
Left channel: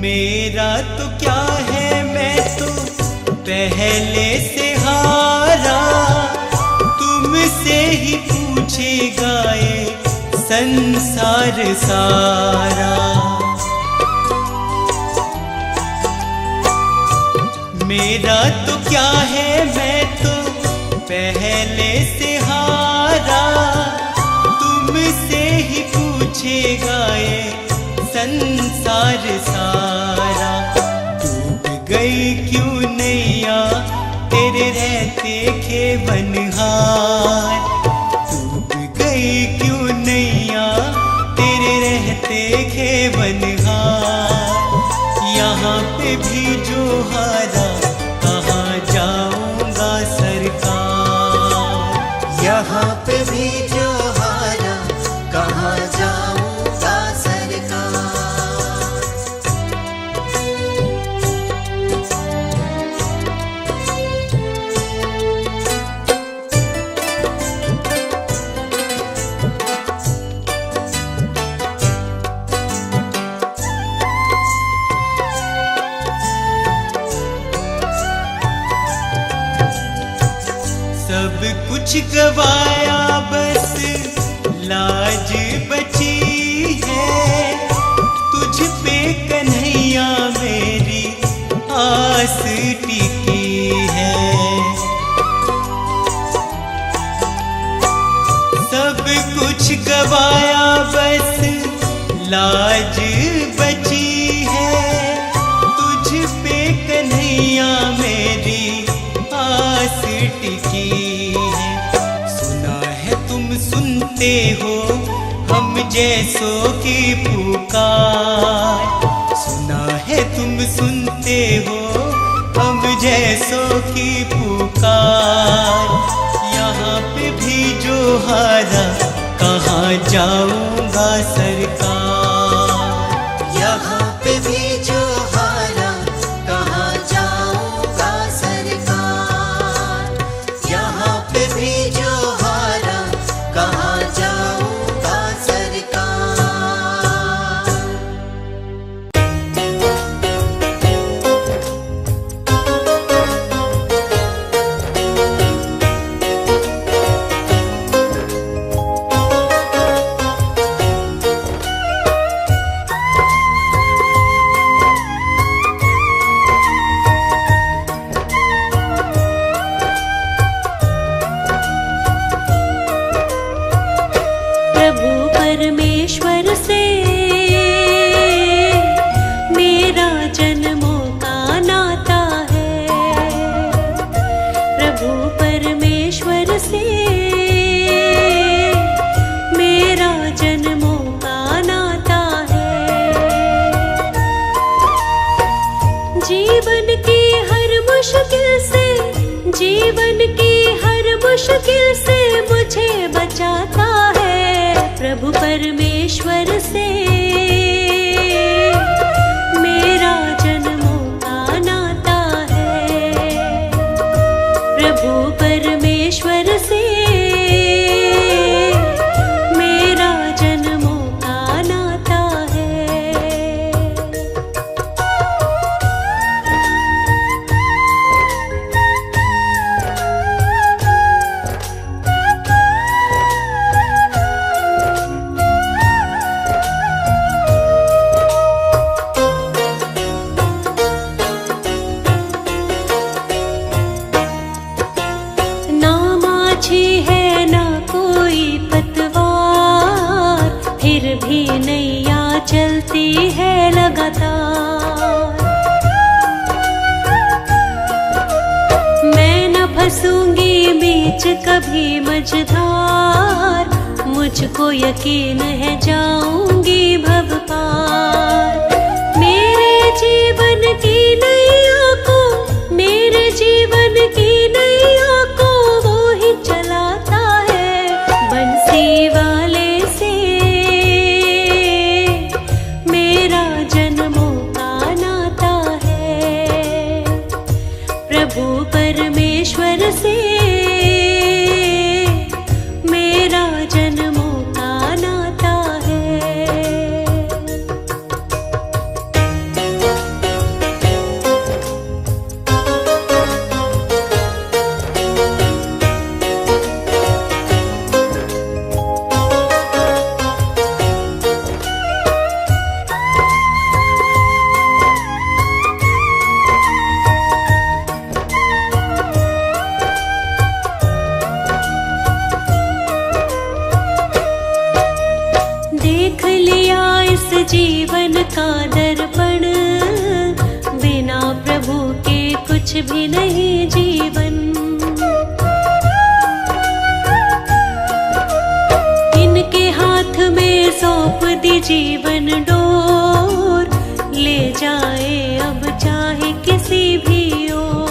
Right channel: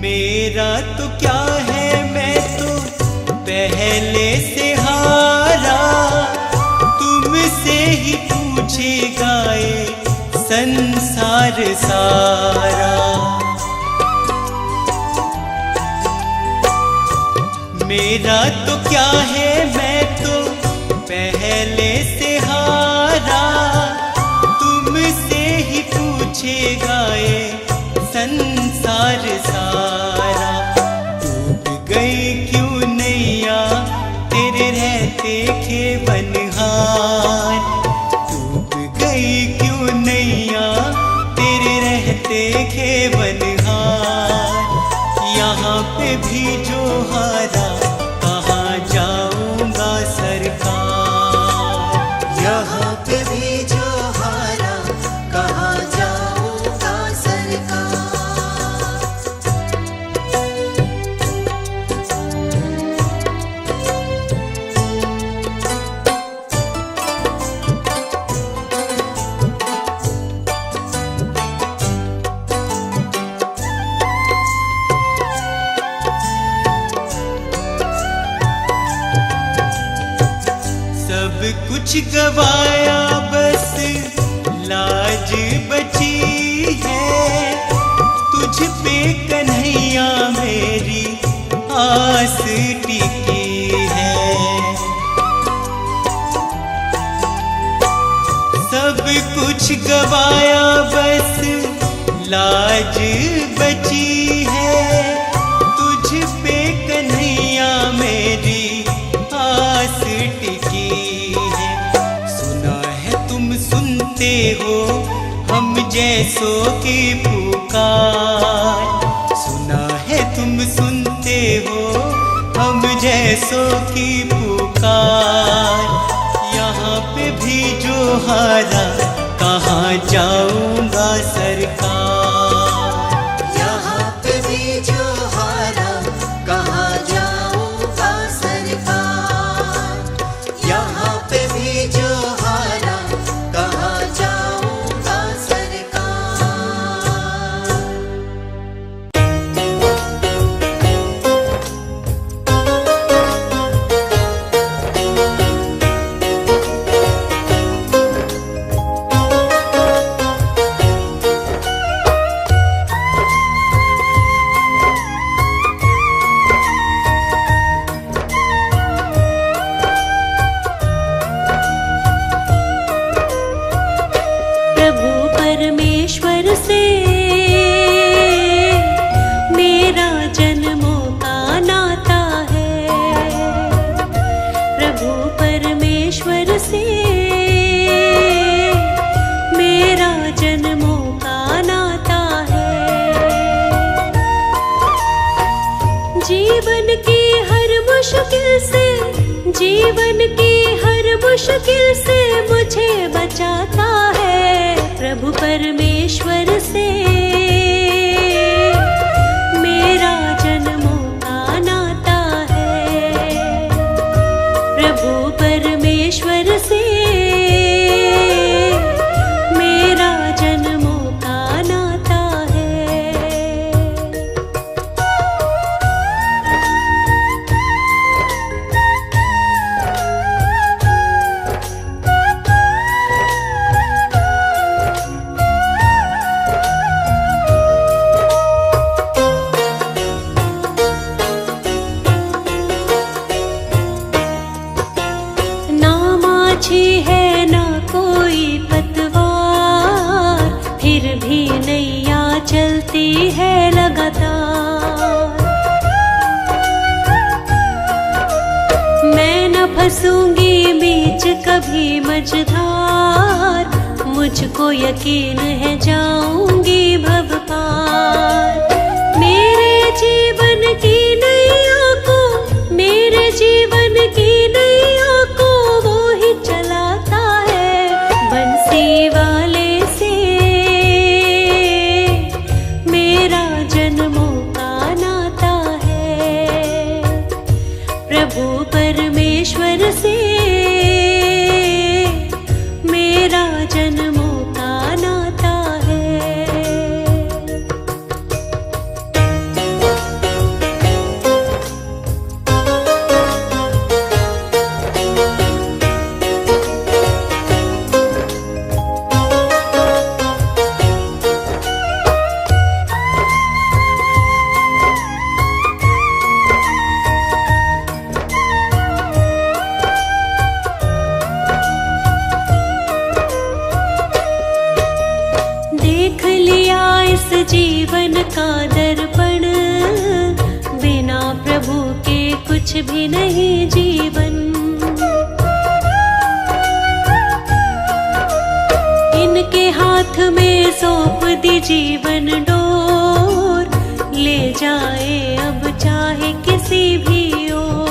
मेरा तो क्या है मैं तो पहले से हारा, तुमसे ही पूछेगा ये संसार सारा। मेरा तो क्या है मैं तो पहले से हारा, तुमसे ही पूछेगा ये संसार सारा। डूब गई क्यों नैया तेरे रहते खेवनहार, डूब गई क्यों नैया तेरे रहते खेवनहार। यहाँ पे भी जो हारा कहाँ जाऊंगा सरकार। यहाँ पे भी जो हारा कहाँ जाऊंगा सरकार। सब कुछ गवाया बस लाज बची है, तुझ पे कन्हैया मेरी आस टिकी है। सब कुछ गवाया बस लाज बची है, तुझ पे कन्हैया मेरी आस टिकी है। सुना है तुम सुनते हो हम जैसों की पुकार, सुना है तुम सुनते हो हम जैसों की पुकार। यहाँ पे भी जो हारा कहाँ जाऊंगा सरकार। यहाँ पे भी जो हारा कहाँ जाऊंगा मुश्किल से, जीवन की हर मुश्किल से मुझे बचाता है प्रभु परमेश्वर से। मेरा जन्मों का नाता है प्रभु परमेश्वर से। मेरा जन्मों का नाता है। ना माछी है ना कोई पतवार, फिर भी नैया चलती है लगातार। मैं न फंसूंगी बीच कभी मझधार, मुझको यकीन है जाऊंगी भव पार। मेरे जीवन की नैया को, मेरे जीवन की नैया को वो ही चलाता है बंसी वाले से। मेरा जन्मों का नाता है प्रभु परमेश्वर से। मेरा जन्मों का नाता है। देख लिया इस जीवन का दर्पण, बिना प्रभु के कुछ भी नहीं जीवन। इनके हाथ में सौंप दी जीवन डोर, ले जाए अब चाहे किसी भी ओर।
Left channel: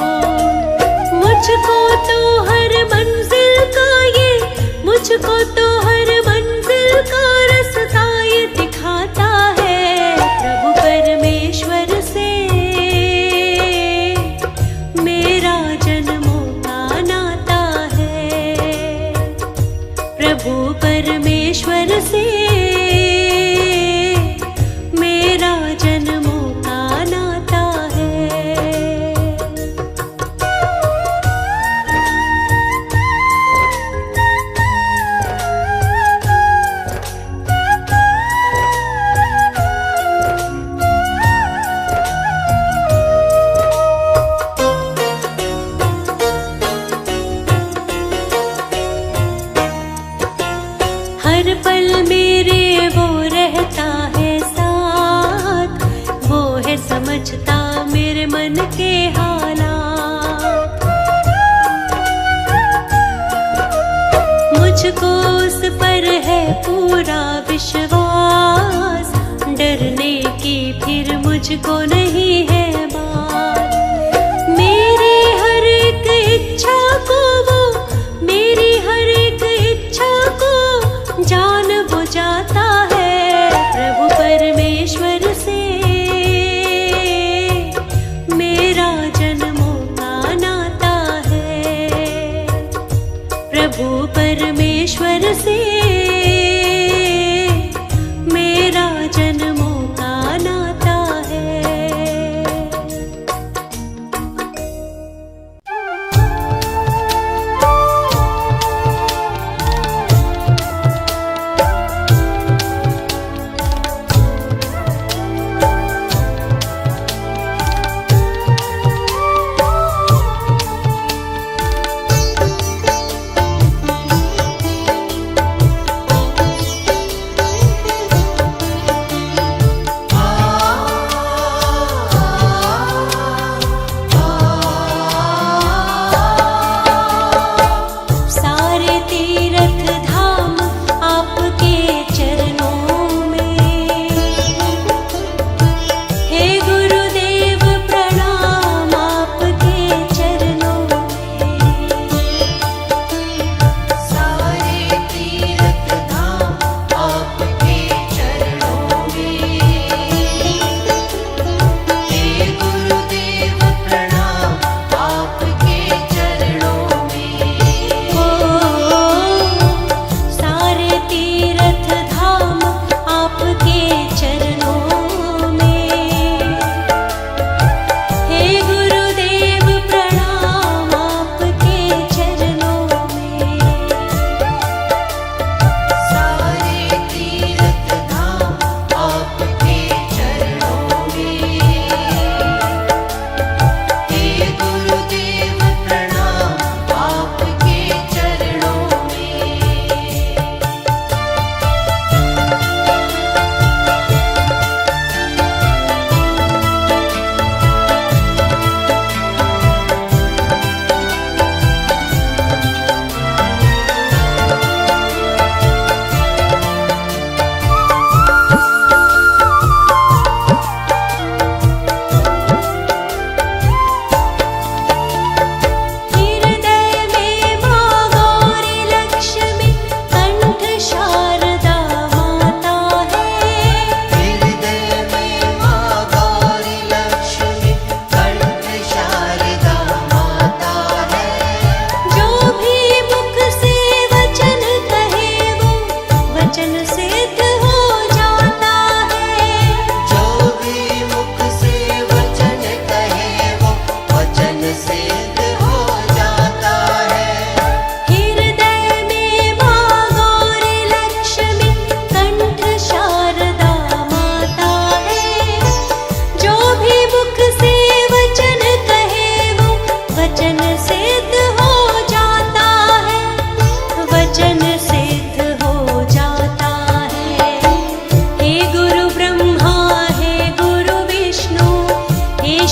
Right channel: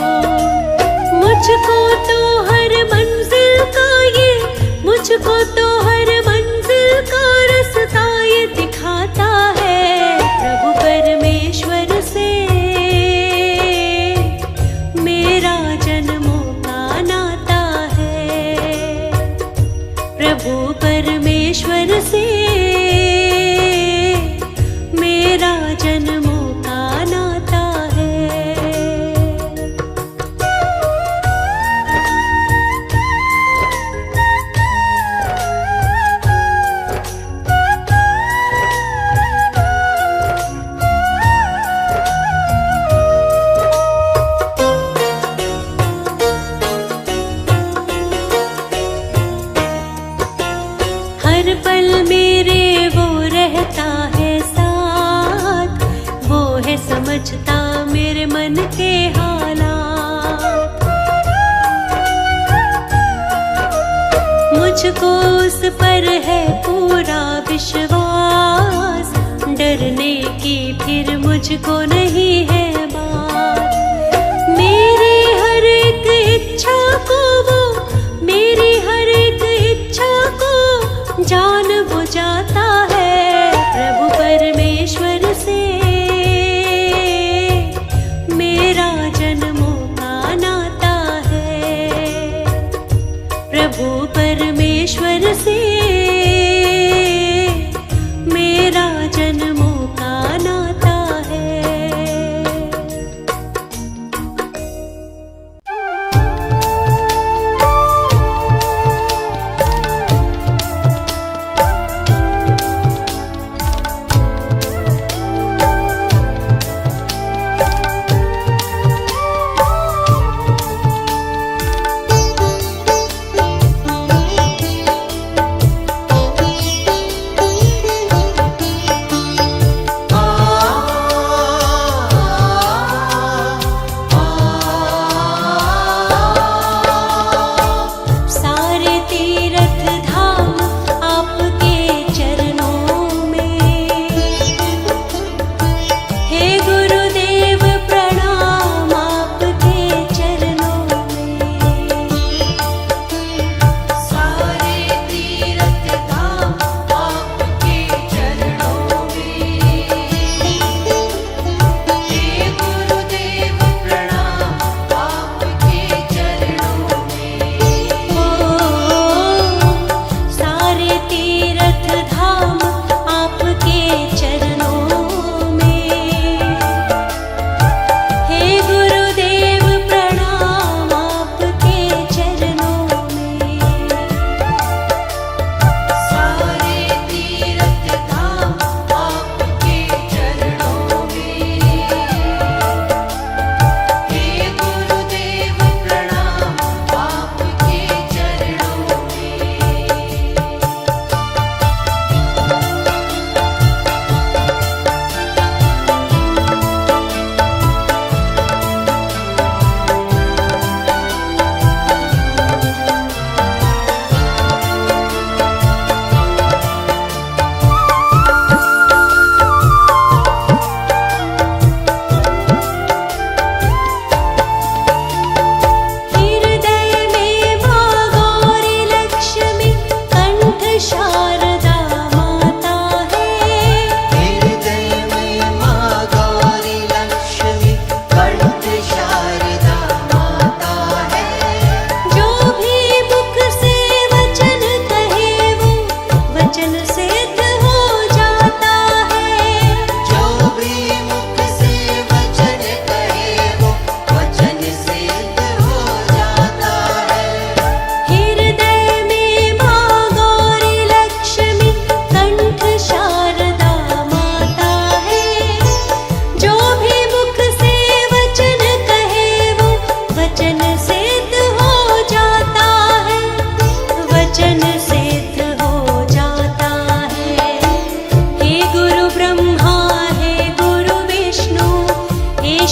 मुझको तो हर मंजिल का ये, मुझको तो हर मंजिल का रास्ता ये दिखाता है प्रभु परमेश्वर से। मेरा जन्मों का नाता है प्रभु परमेश्वर से। मेरा जन्मों का नाता है। हर पल मेरे वो रहता है साथ, वो है समझता मेरे मन के हालात। मुझको उस पर है पूरा विश्वास, डरने की फिर मुझको नहीं है बात। मेरी हर एक इच्छा को वो, मेरी हर एक इच्छा को जान बुझाता है प्रभु परमेश्वर से। मेरा जन्मों का नाता है प्रभु परमेश्वर से। मेरा जन्मों का नाता है।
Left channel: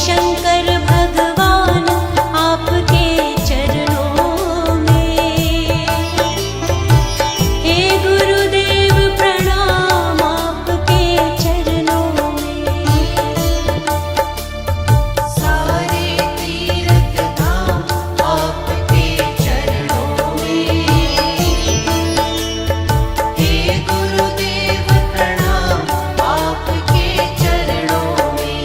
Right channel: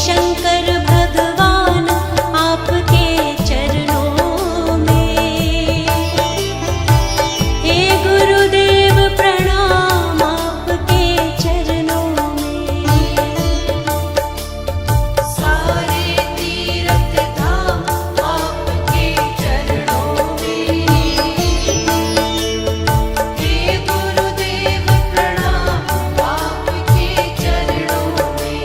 शंकर भगवान आपके चरणों में। हे गुरुदेव प्रणाम आपके चरणों में। सारे तीर्थ धाम आपके चरणों में। हे गुरुदेव प्रणाम आपके चरणों में।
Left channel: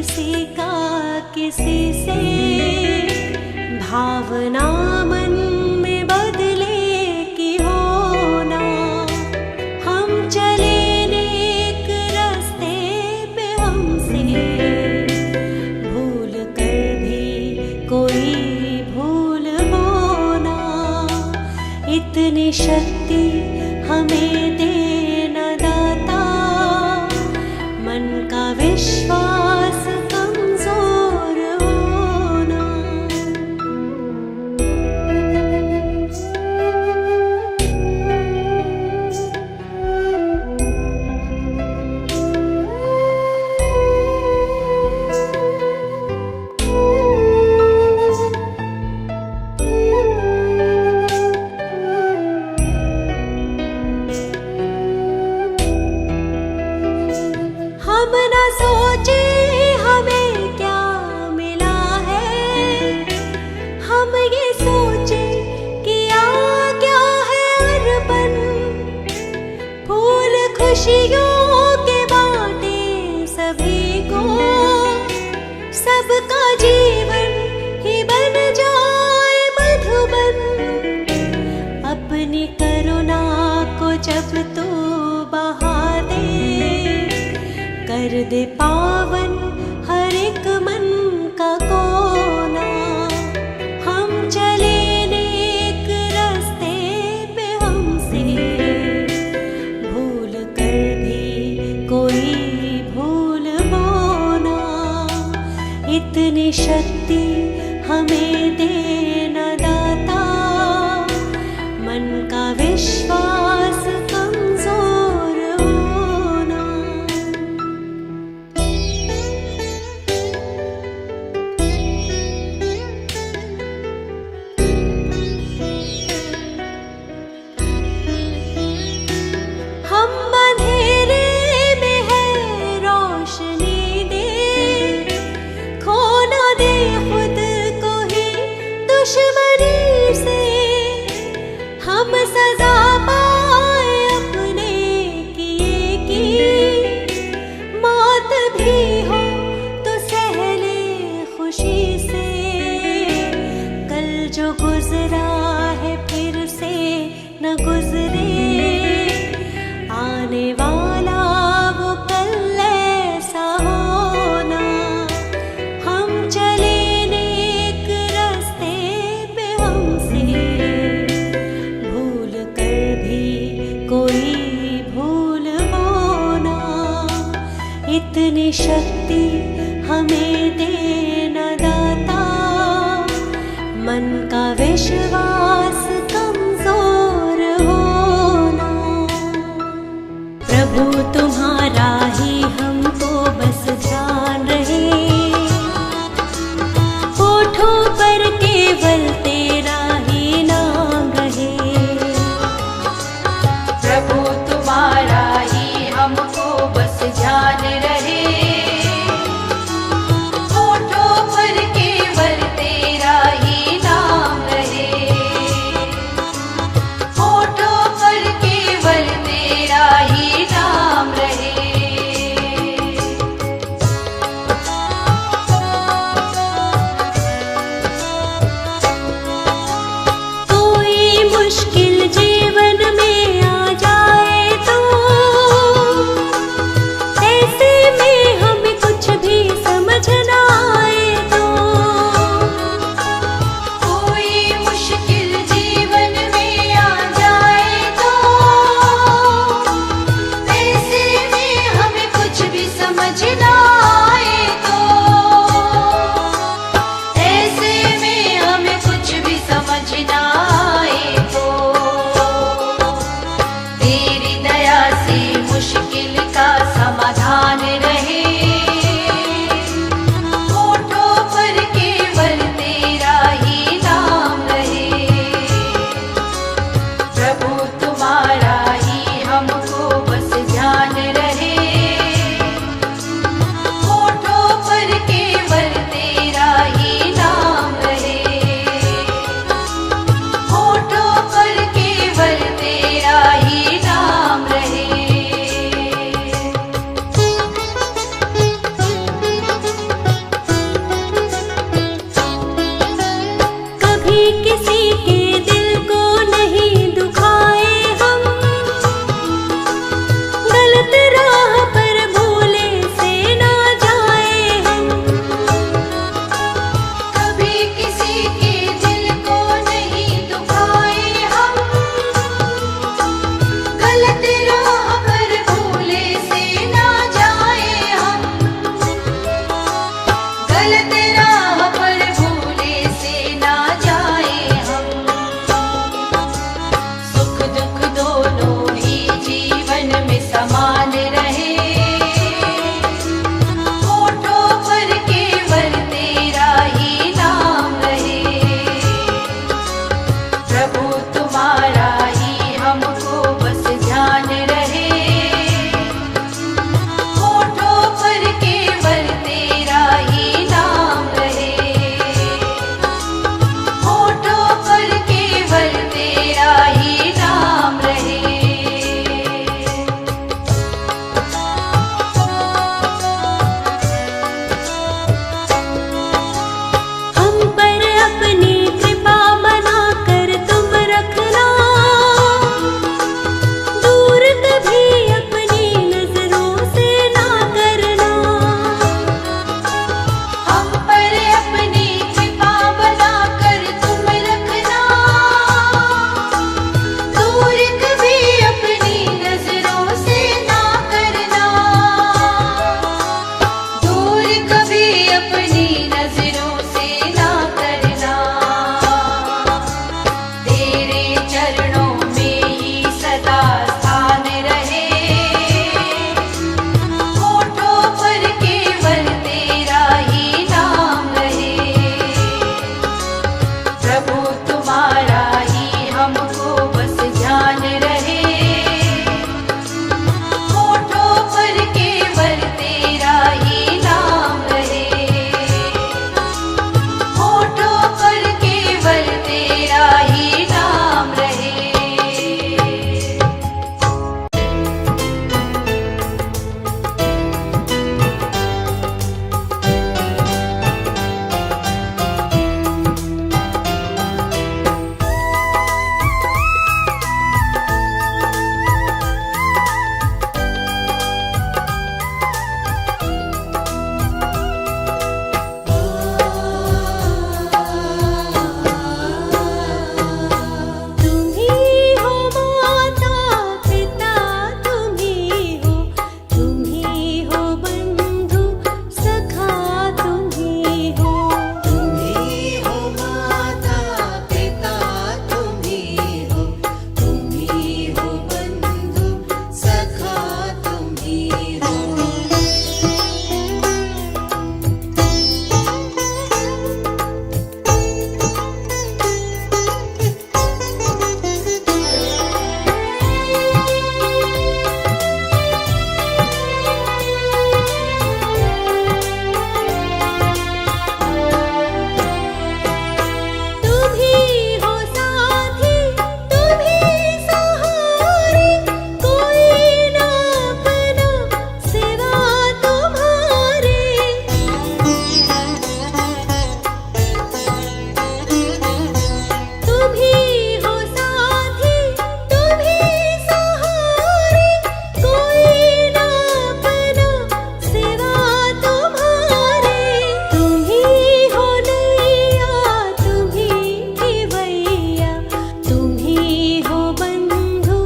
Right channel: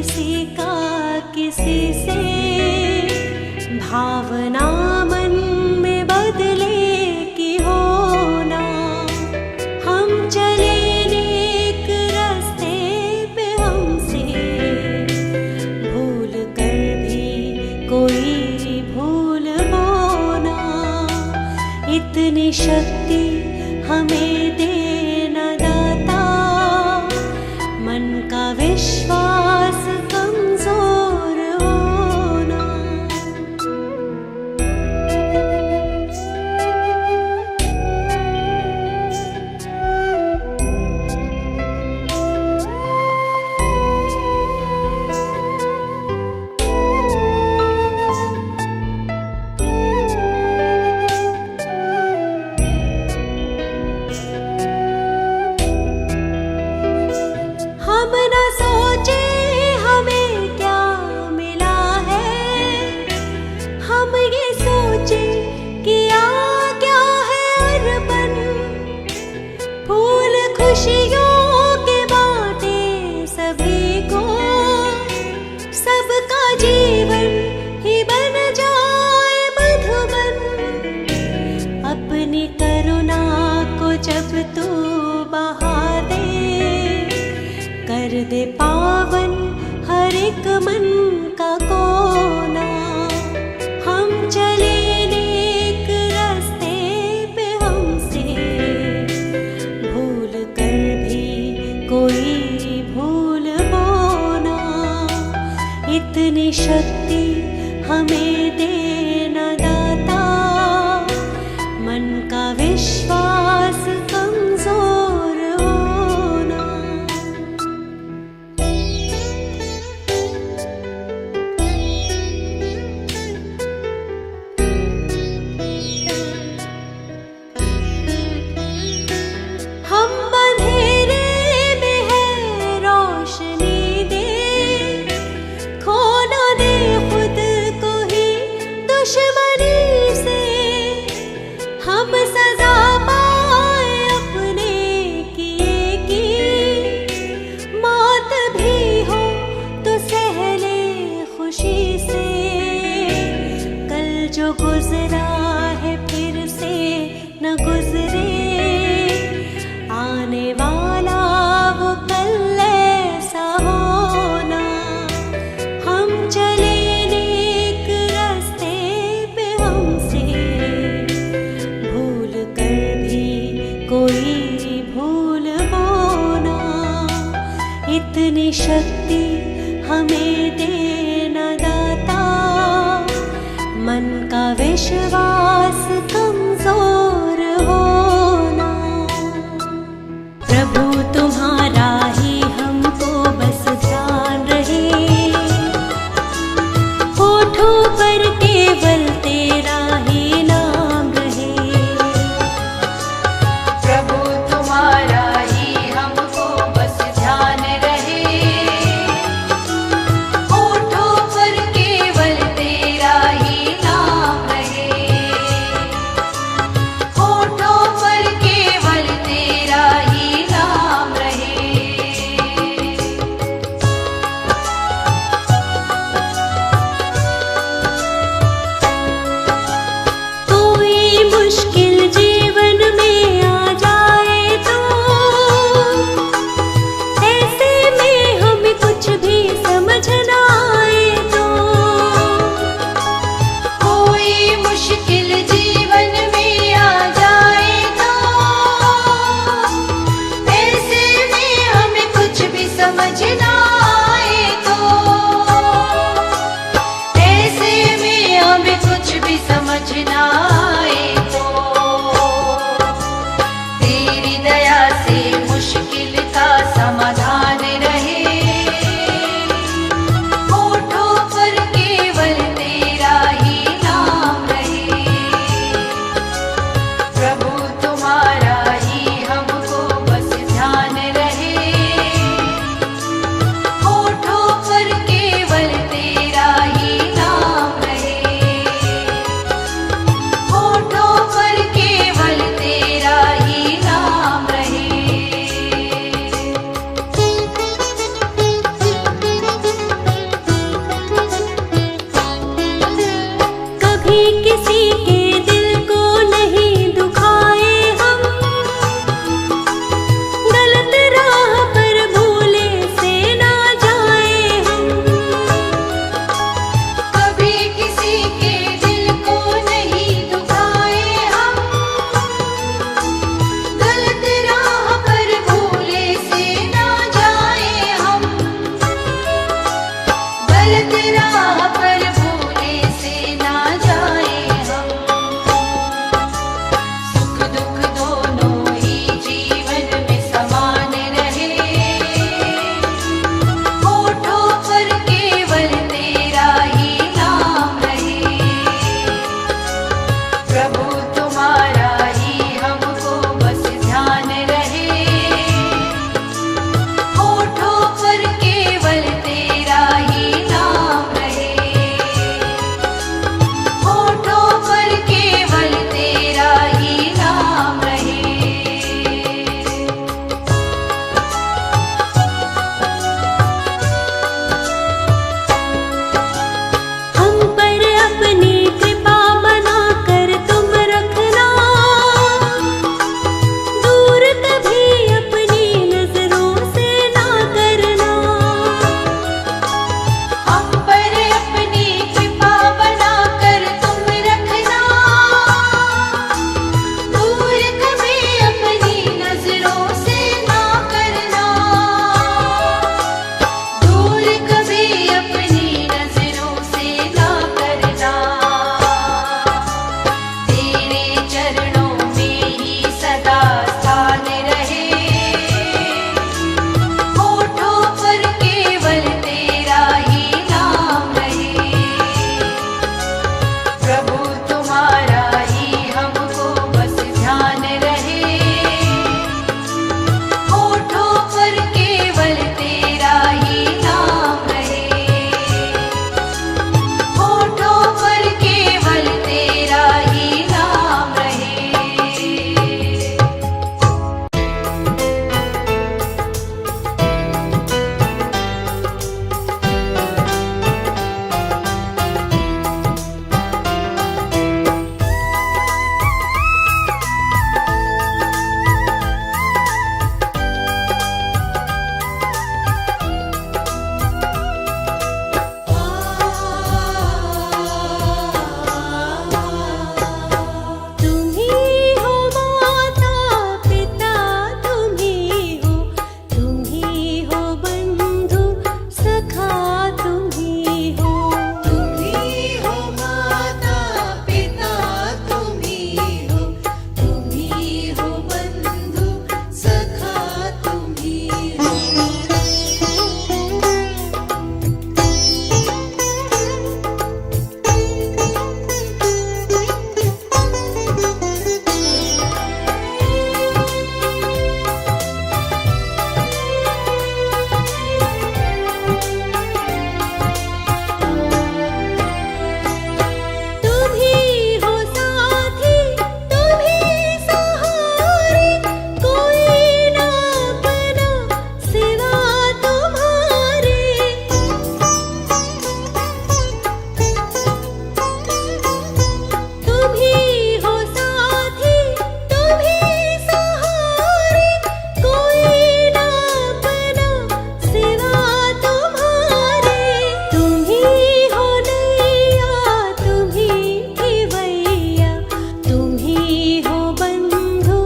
किसी का किसी से भावना मन में बदले की होना। हम चले नेक रास्ते पे हमसे भूल कर भी कोई भूल होना। इतनी शक्ति हमें देना दाता, मन का विश्वास कमजोर होना। हम न सोचे हमें क्या मिला है, हम ये सोचे कि आ क्या है अर्पण। फूल खुशियों के बांटे सभी को, सबका जीवन ही बन जाए मधुबन। अपनी करुणा को जब तू बहा दे, कर दे पावन हर एक मन का कोना। हम चले नेक रास्ते पे हमसे भूल कर भी कोई भूल होना। इतनी शक्ति हमें देना दाता, मन का विश्वास कमजोर होना। हम अंधेरे में है रोशनी दे, खो ना दे खुद को ही दुश्मनी से। हम सजा पाए अपने किए की, मौत भी हो तो सह ले खुशी से। कल जो गुजरा है फिर से न गुजरे, आने वाला वो कल ऐसा होना। हम चले नेक रास्ते पे हमसे भूल कर भी कोई भूल होना। इतनी शक्ति हमें देना दाता, मन का विश्वास कमजोर होना। प्रभु तुम्हारा ही हमको बस ध्यान रहे, होठों पर केवल तेरा ही नाम रहे। प्रभु तुम्हारा ही हमको बस ध्यान रहे, होठों पर केवल तेरा ही नाम रहे। होठों पर केवल तेरा ही नाम रहे। राह पर भूले से ना जाए हम। सुख दुख दोनों ही जीवन में समान रहे, होठों पर केवल तेरा ही नाम रहे। प्रभु तुम्हारा ही हमको बस ध्यान रहे, होठों पर केवल तेरा ही नाम रहे, होठों पर केवल तेरा ही नाम रहे। हम पर अपनी कृपा बनाकर तुम रखना, दूर कभी अपनी नजरों से ना करना। हम पर अपनी कृपा बनाकर तुम रखना, दूर कभी अपनी नजरों से ना करना, दूर कभी अपनी नजरों से ना करना। तेरे चरणों में ही सदा स्थान रहे, होठों पर केवल तेरा ही नाम रहे। प्रभु तुम्हारा ही हमको बस ध्यान रहे, होठों पर केवल तेरा ही नाम रहे, होठों पर केवल तेरा ही नाम रहे। तुम ही हो माता पिता, तुम ही हो बंधु सखा, तुम ही हो। तुम ही हो माता पिता, तुम ही हो बंधु सखा, तुम ही हो। तुम ही हो साथी, तुम ही सहारे, कोई ना अपना सिवा तुम्हारे। तुम ही हो साथी, तुम ही सहारे, कोई ना अपना सिवा तुम्हारे। तुम ही हो नैया, तुम ही खिवैया, तुम ही हो बंधु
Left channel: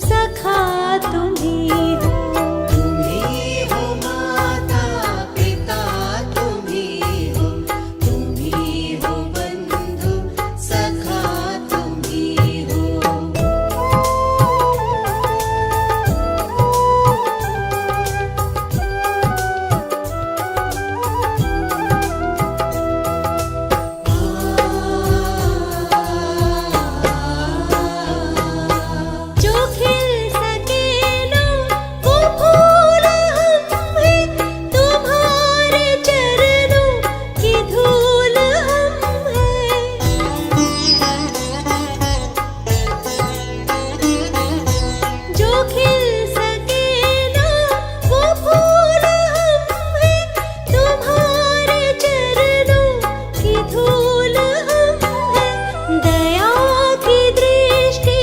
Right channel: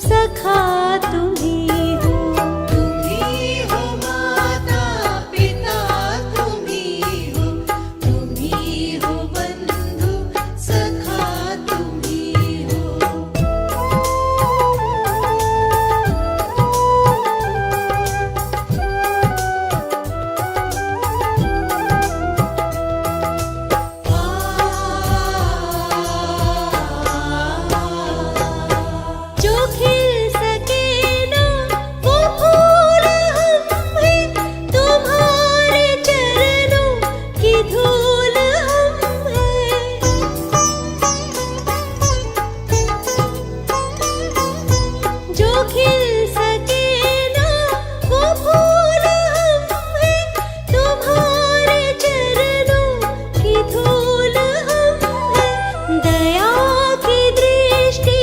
सखा, तुम ही हो। तुम ही हो माता पिता, तुम ही हो बंधु सखा, तुम ही हो। जो खिल सके ना वो फूल हम हैं, तुम्हारे चरणों की धूल हम हैं। जो खिल सके ना वो फूल हम हैं, तुम्हारे चरणों की धूल हम हैं। दया की दृष्टि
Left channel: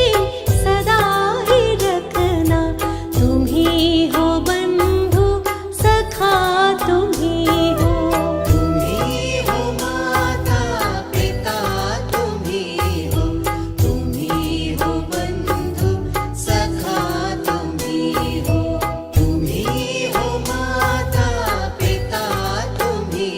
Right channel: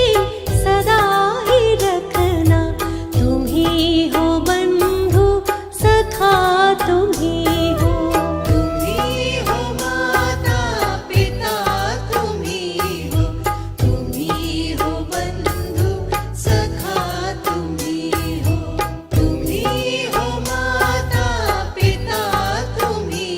सदा ही रखना, तुम ही हो बंधु सखा, तुम ही हो। तुम ही हो माता पिता, तुम ही हो बंधु सखा, तुम ही हो। तुम ही हो माता पिता, तुम ही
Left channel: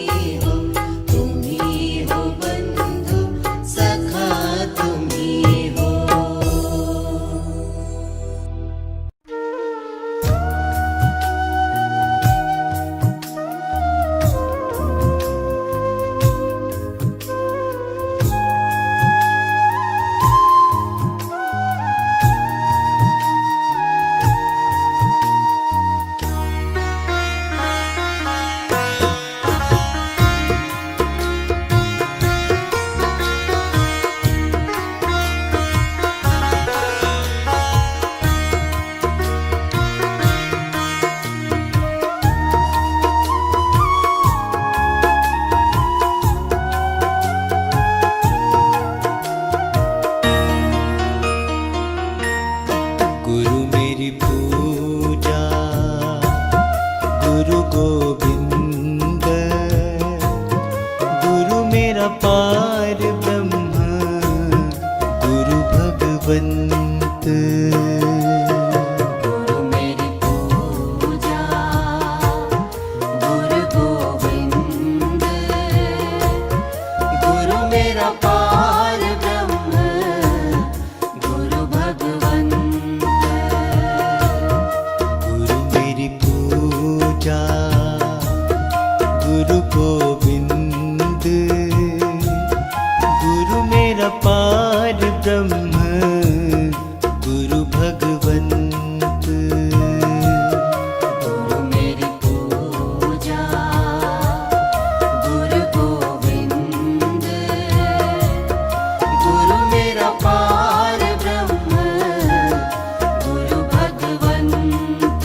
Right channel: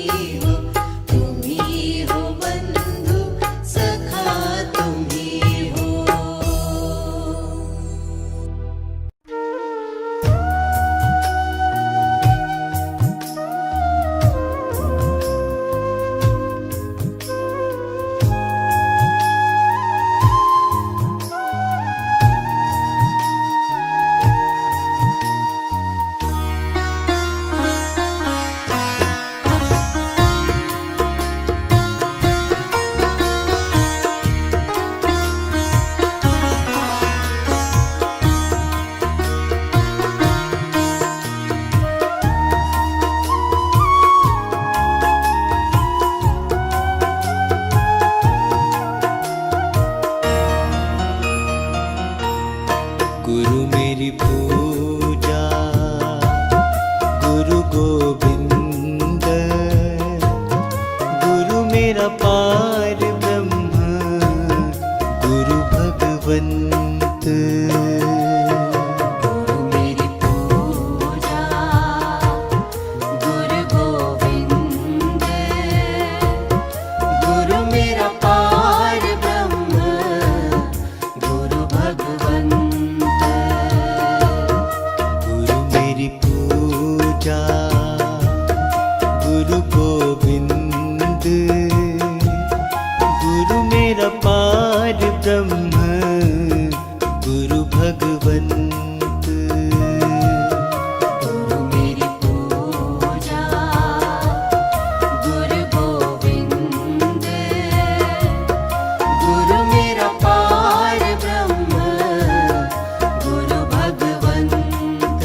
गोविंद, गुरु मेरा पार ब्रह्म, गुरु भगवंत। गुरु मेरी पूजा, गुरु गोविंद, गुरु मेरा पार ब्रह्म, गुरु भगवंत। गुरु मेरी पूजा, गुरु गोविंद, गुरु मेरा पार ब्रह्म, गुरु भगवंत। गुरु मेरी पूजा, गुरु गोविंद, गुरु मेरा पार ब्रह्म, गुरु भगवंत।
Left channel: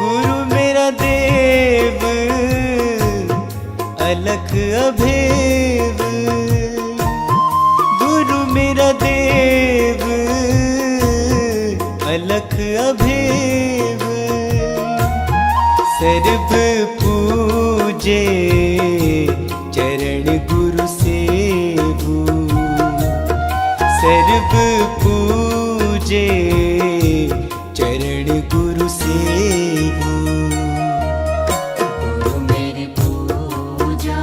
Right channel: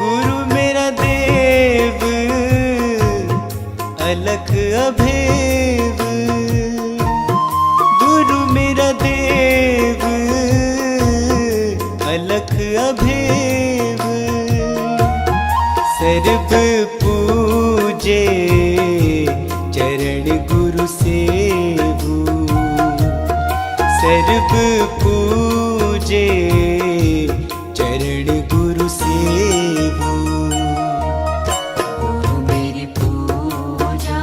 गुरु मेरा देव, अलख अभेव, गुरु मेरा देव, अलख अभेव। सर्व पूजे चरण गुरु सेवु, सर्व पूजे चरण गुरु सेवु। गुरु मेरी पूजा,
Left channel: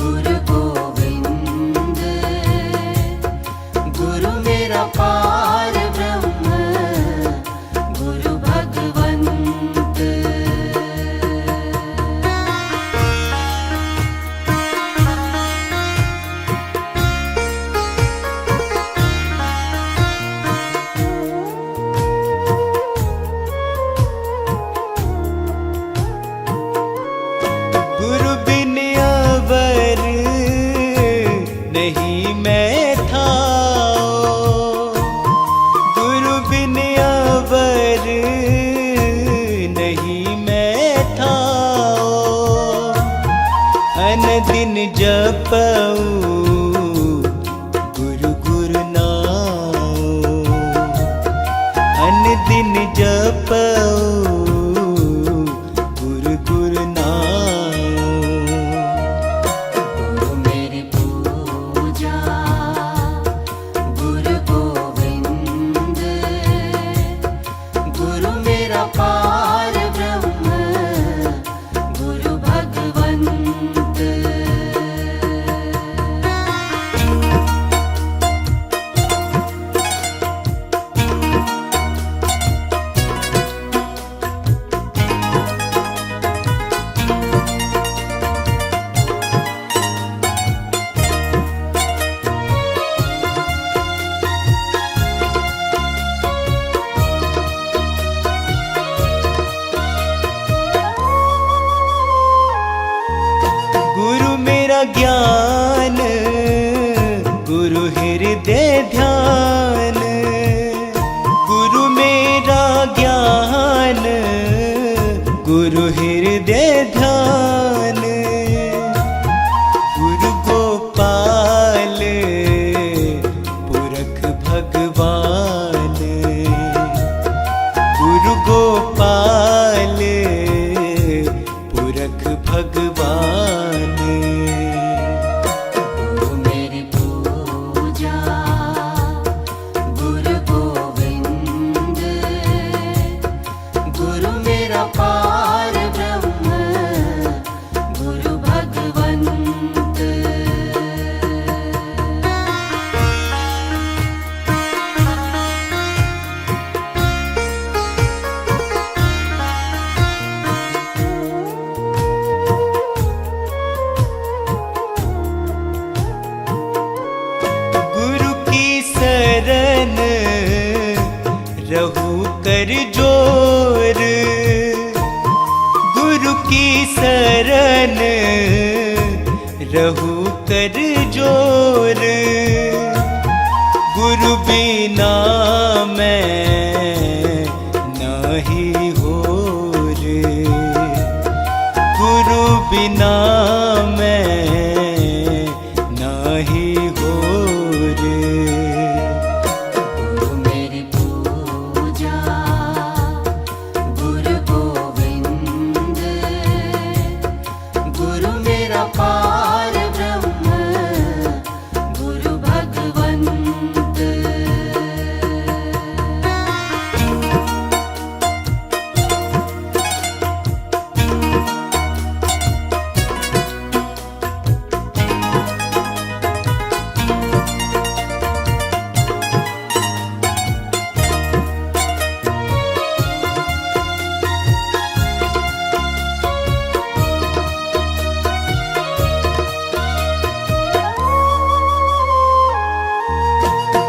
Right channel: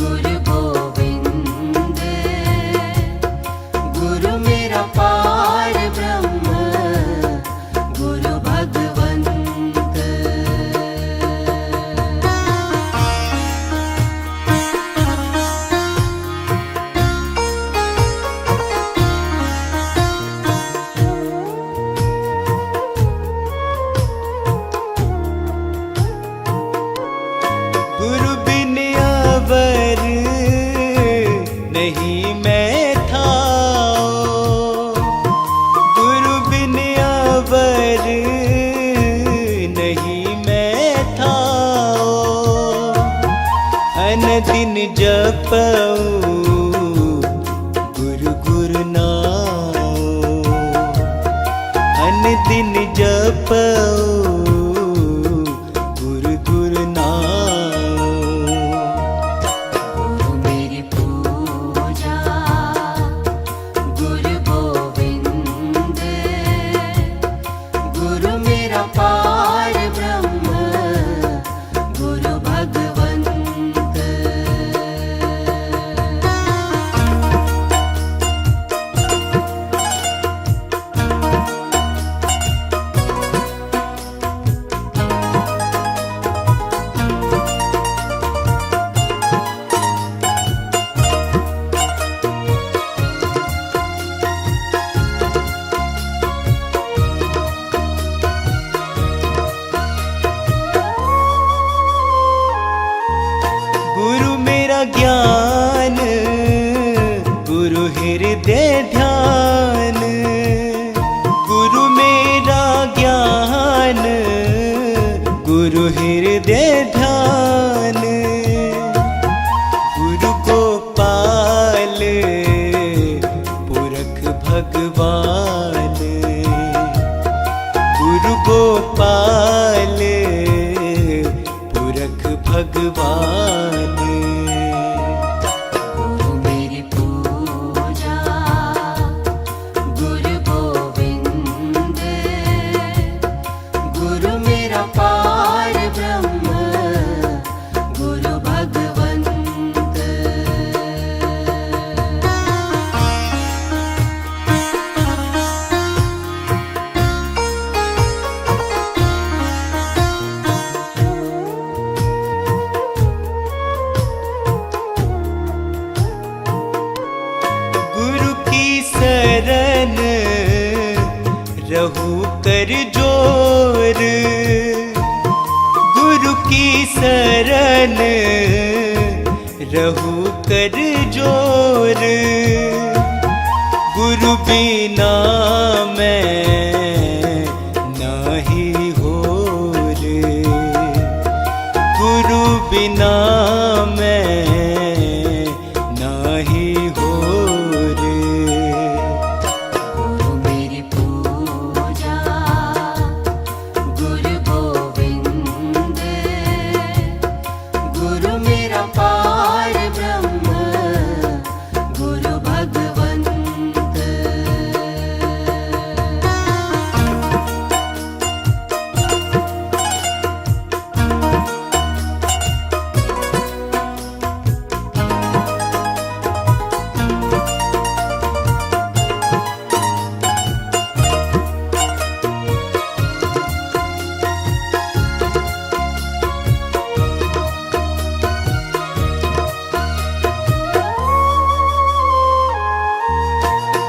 गुरु गोविंद, गुरु मेरा पार ब्रह्म, गुरु भगवंत। गुरु बिन अवर नहीं मैं थाओ, गुरु बिन अवर नहीं मैं थाओ। अन दिन जपऊं गुरु गुरु नाओ, अन दिन जपऊं गुरु गुरु नाओ। गुरु मेरी पूजा, गुरु गोविंद, गुरु मेरा पार ब्रह्म, गुरु भगवंत। गुरु मेरा ज्ञान, गुरु हृदय ध्यान, गुरु मेरा ज्ञान, गुरु हृदय ध्यान। गुरु गोपाल पुरख भगवान, गुरु गोपाल पुरख भगवान। गुरु मेरी पूजा, गुरु गोविंद, गुरु मेरा पार ब्रह्म, गुरु भगवंत। शरण रहू कर जोर, गुरु की शरण रहू कर जोर। गुरु बिना मैं नाही होर, गुरु बिना मैं नाही होर। गुरु मेरी पूजा गुरु गोविंद, गुरु मेरा पार ब्रह्म गुरु भगवंत।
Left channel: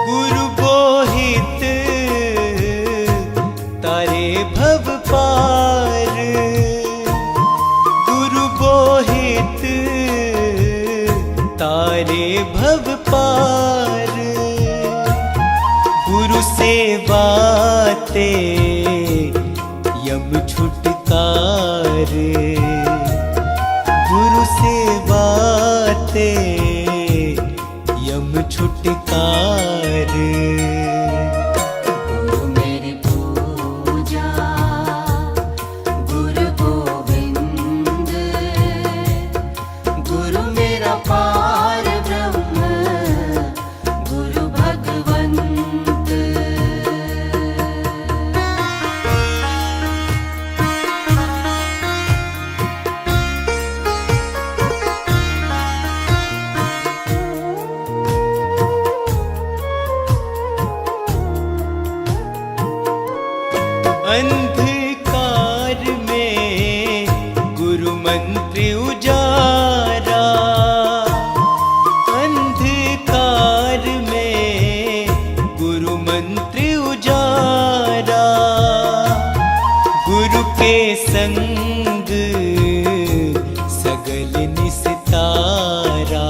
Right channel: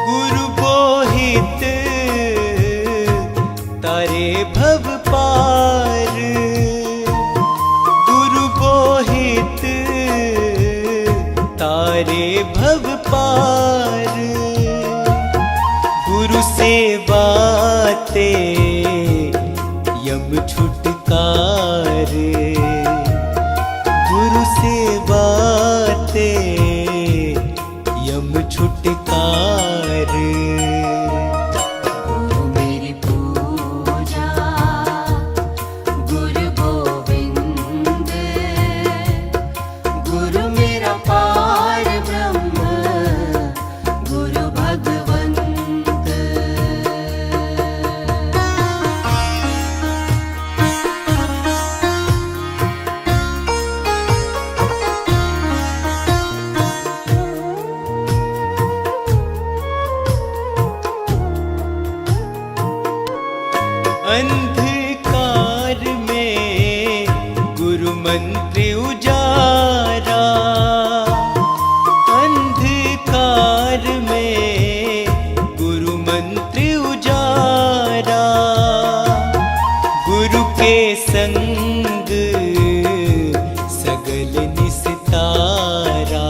गुरु बोहित तारे भव पार, गुरु बोहित तारे भव पार। गुरु सेवाते यम छुटकार, गुरु सेवाते यम छुटकार। गुरु मेरी पूजा गुरु गोविंद, गुरु मेरा पार ब्रह्म गुरु भगवंत। अंधकार में गुरु मंत्र उजारा, अंधकार में गुरु मंत्र उजारा। गुरु के संग सगल निस्तारा,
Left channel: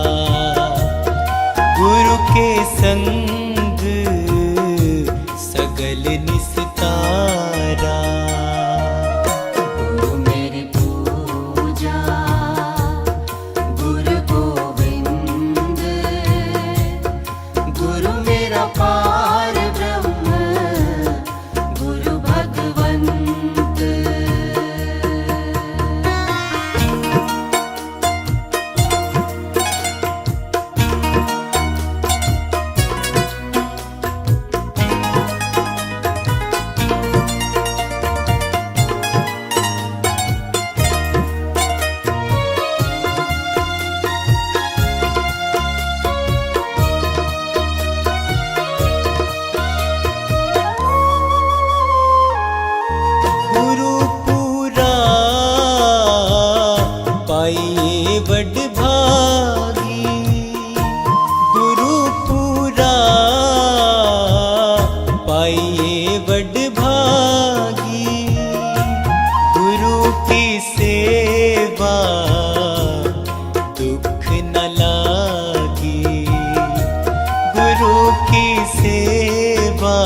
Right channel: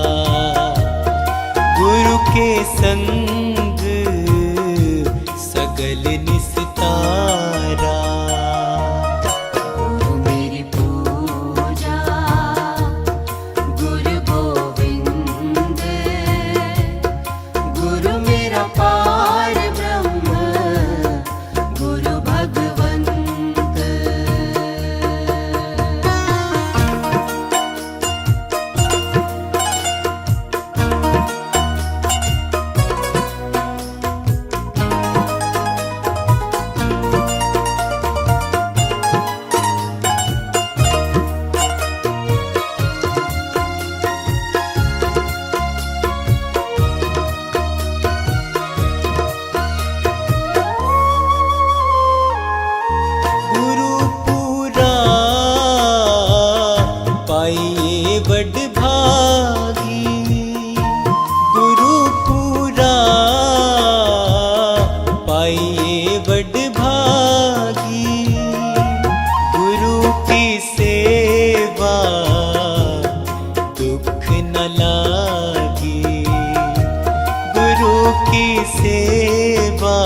गुरु के संग सगल निस्तारा। गुरु मेरी पूजा गुरु गोविंद, गुरु मेरा पार ब्रह्म गुरु भगवंत। गुरु पूरा पाइए बड़ भागी, गुरु पूरा पाइए बड़ भागी। गुरु की सेवा दुख न लागी, गुरु की सेवा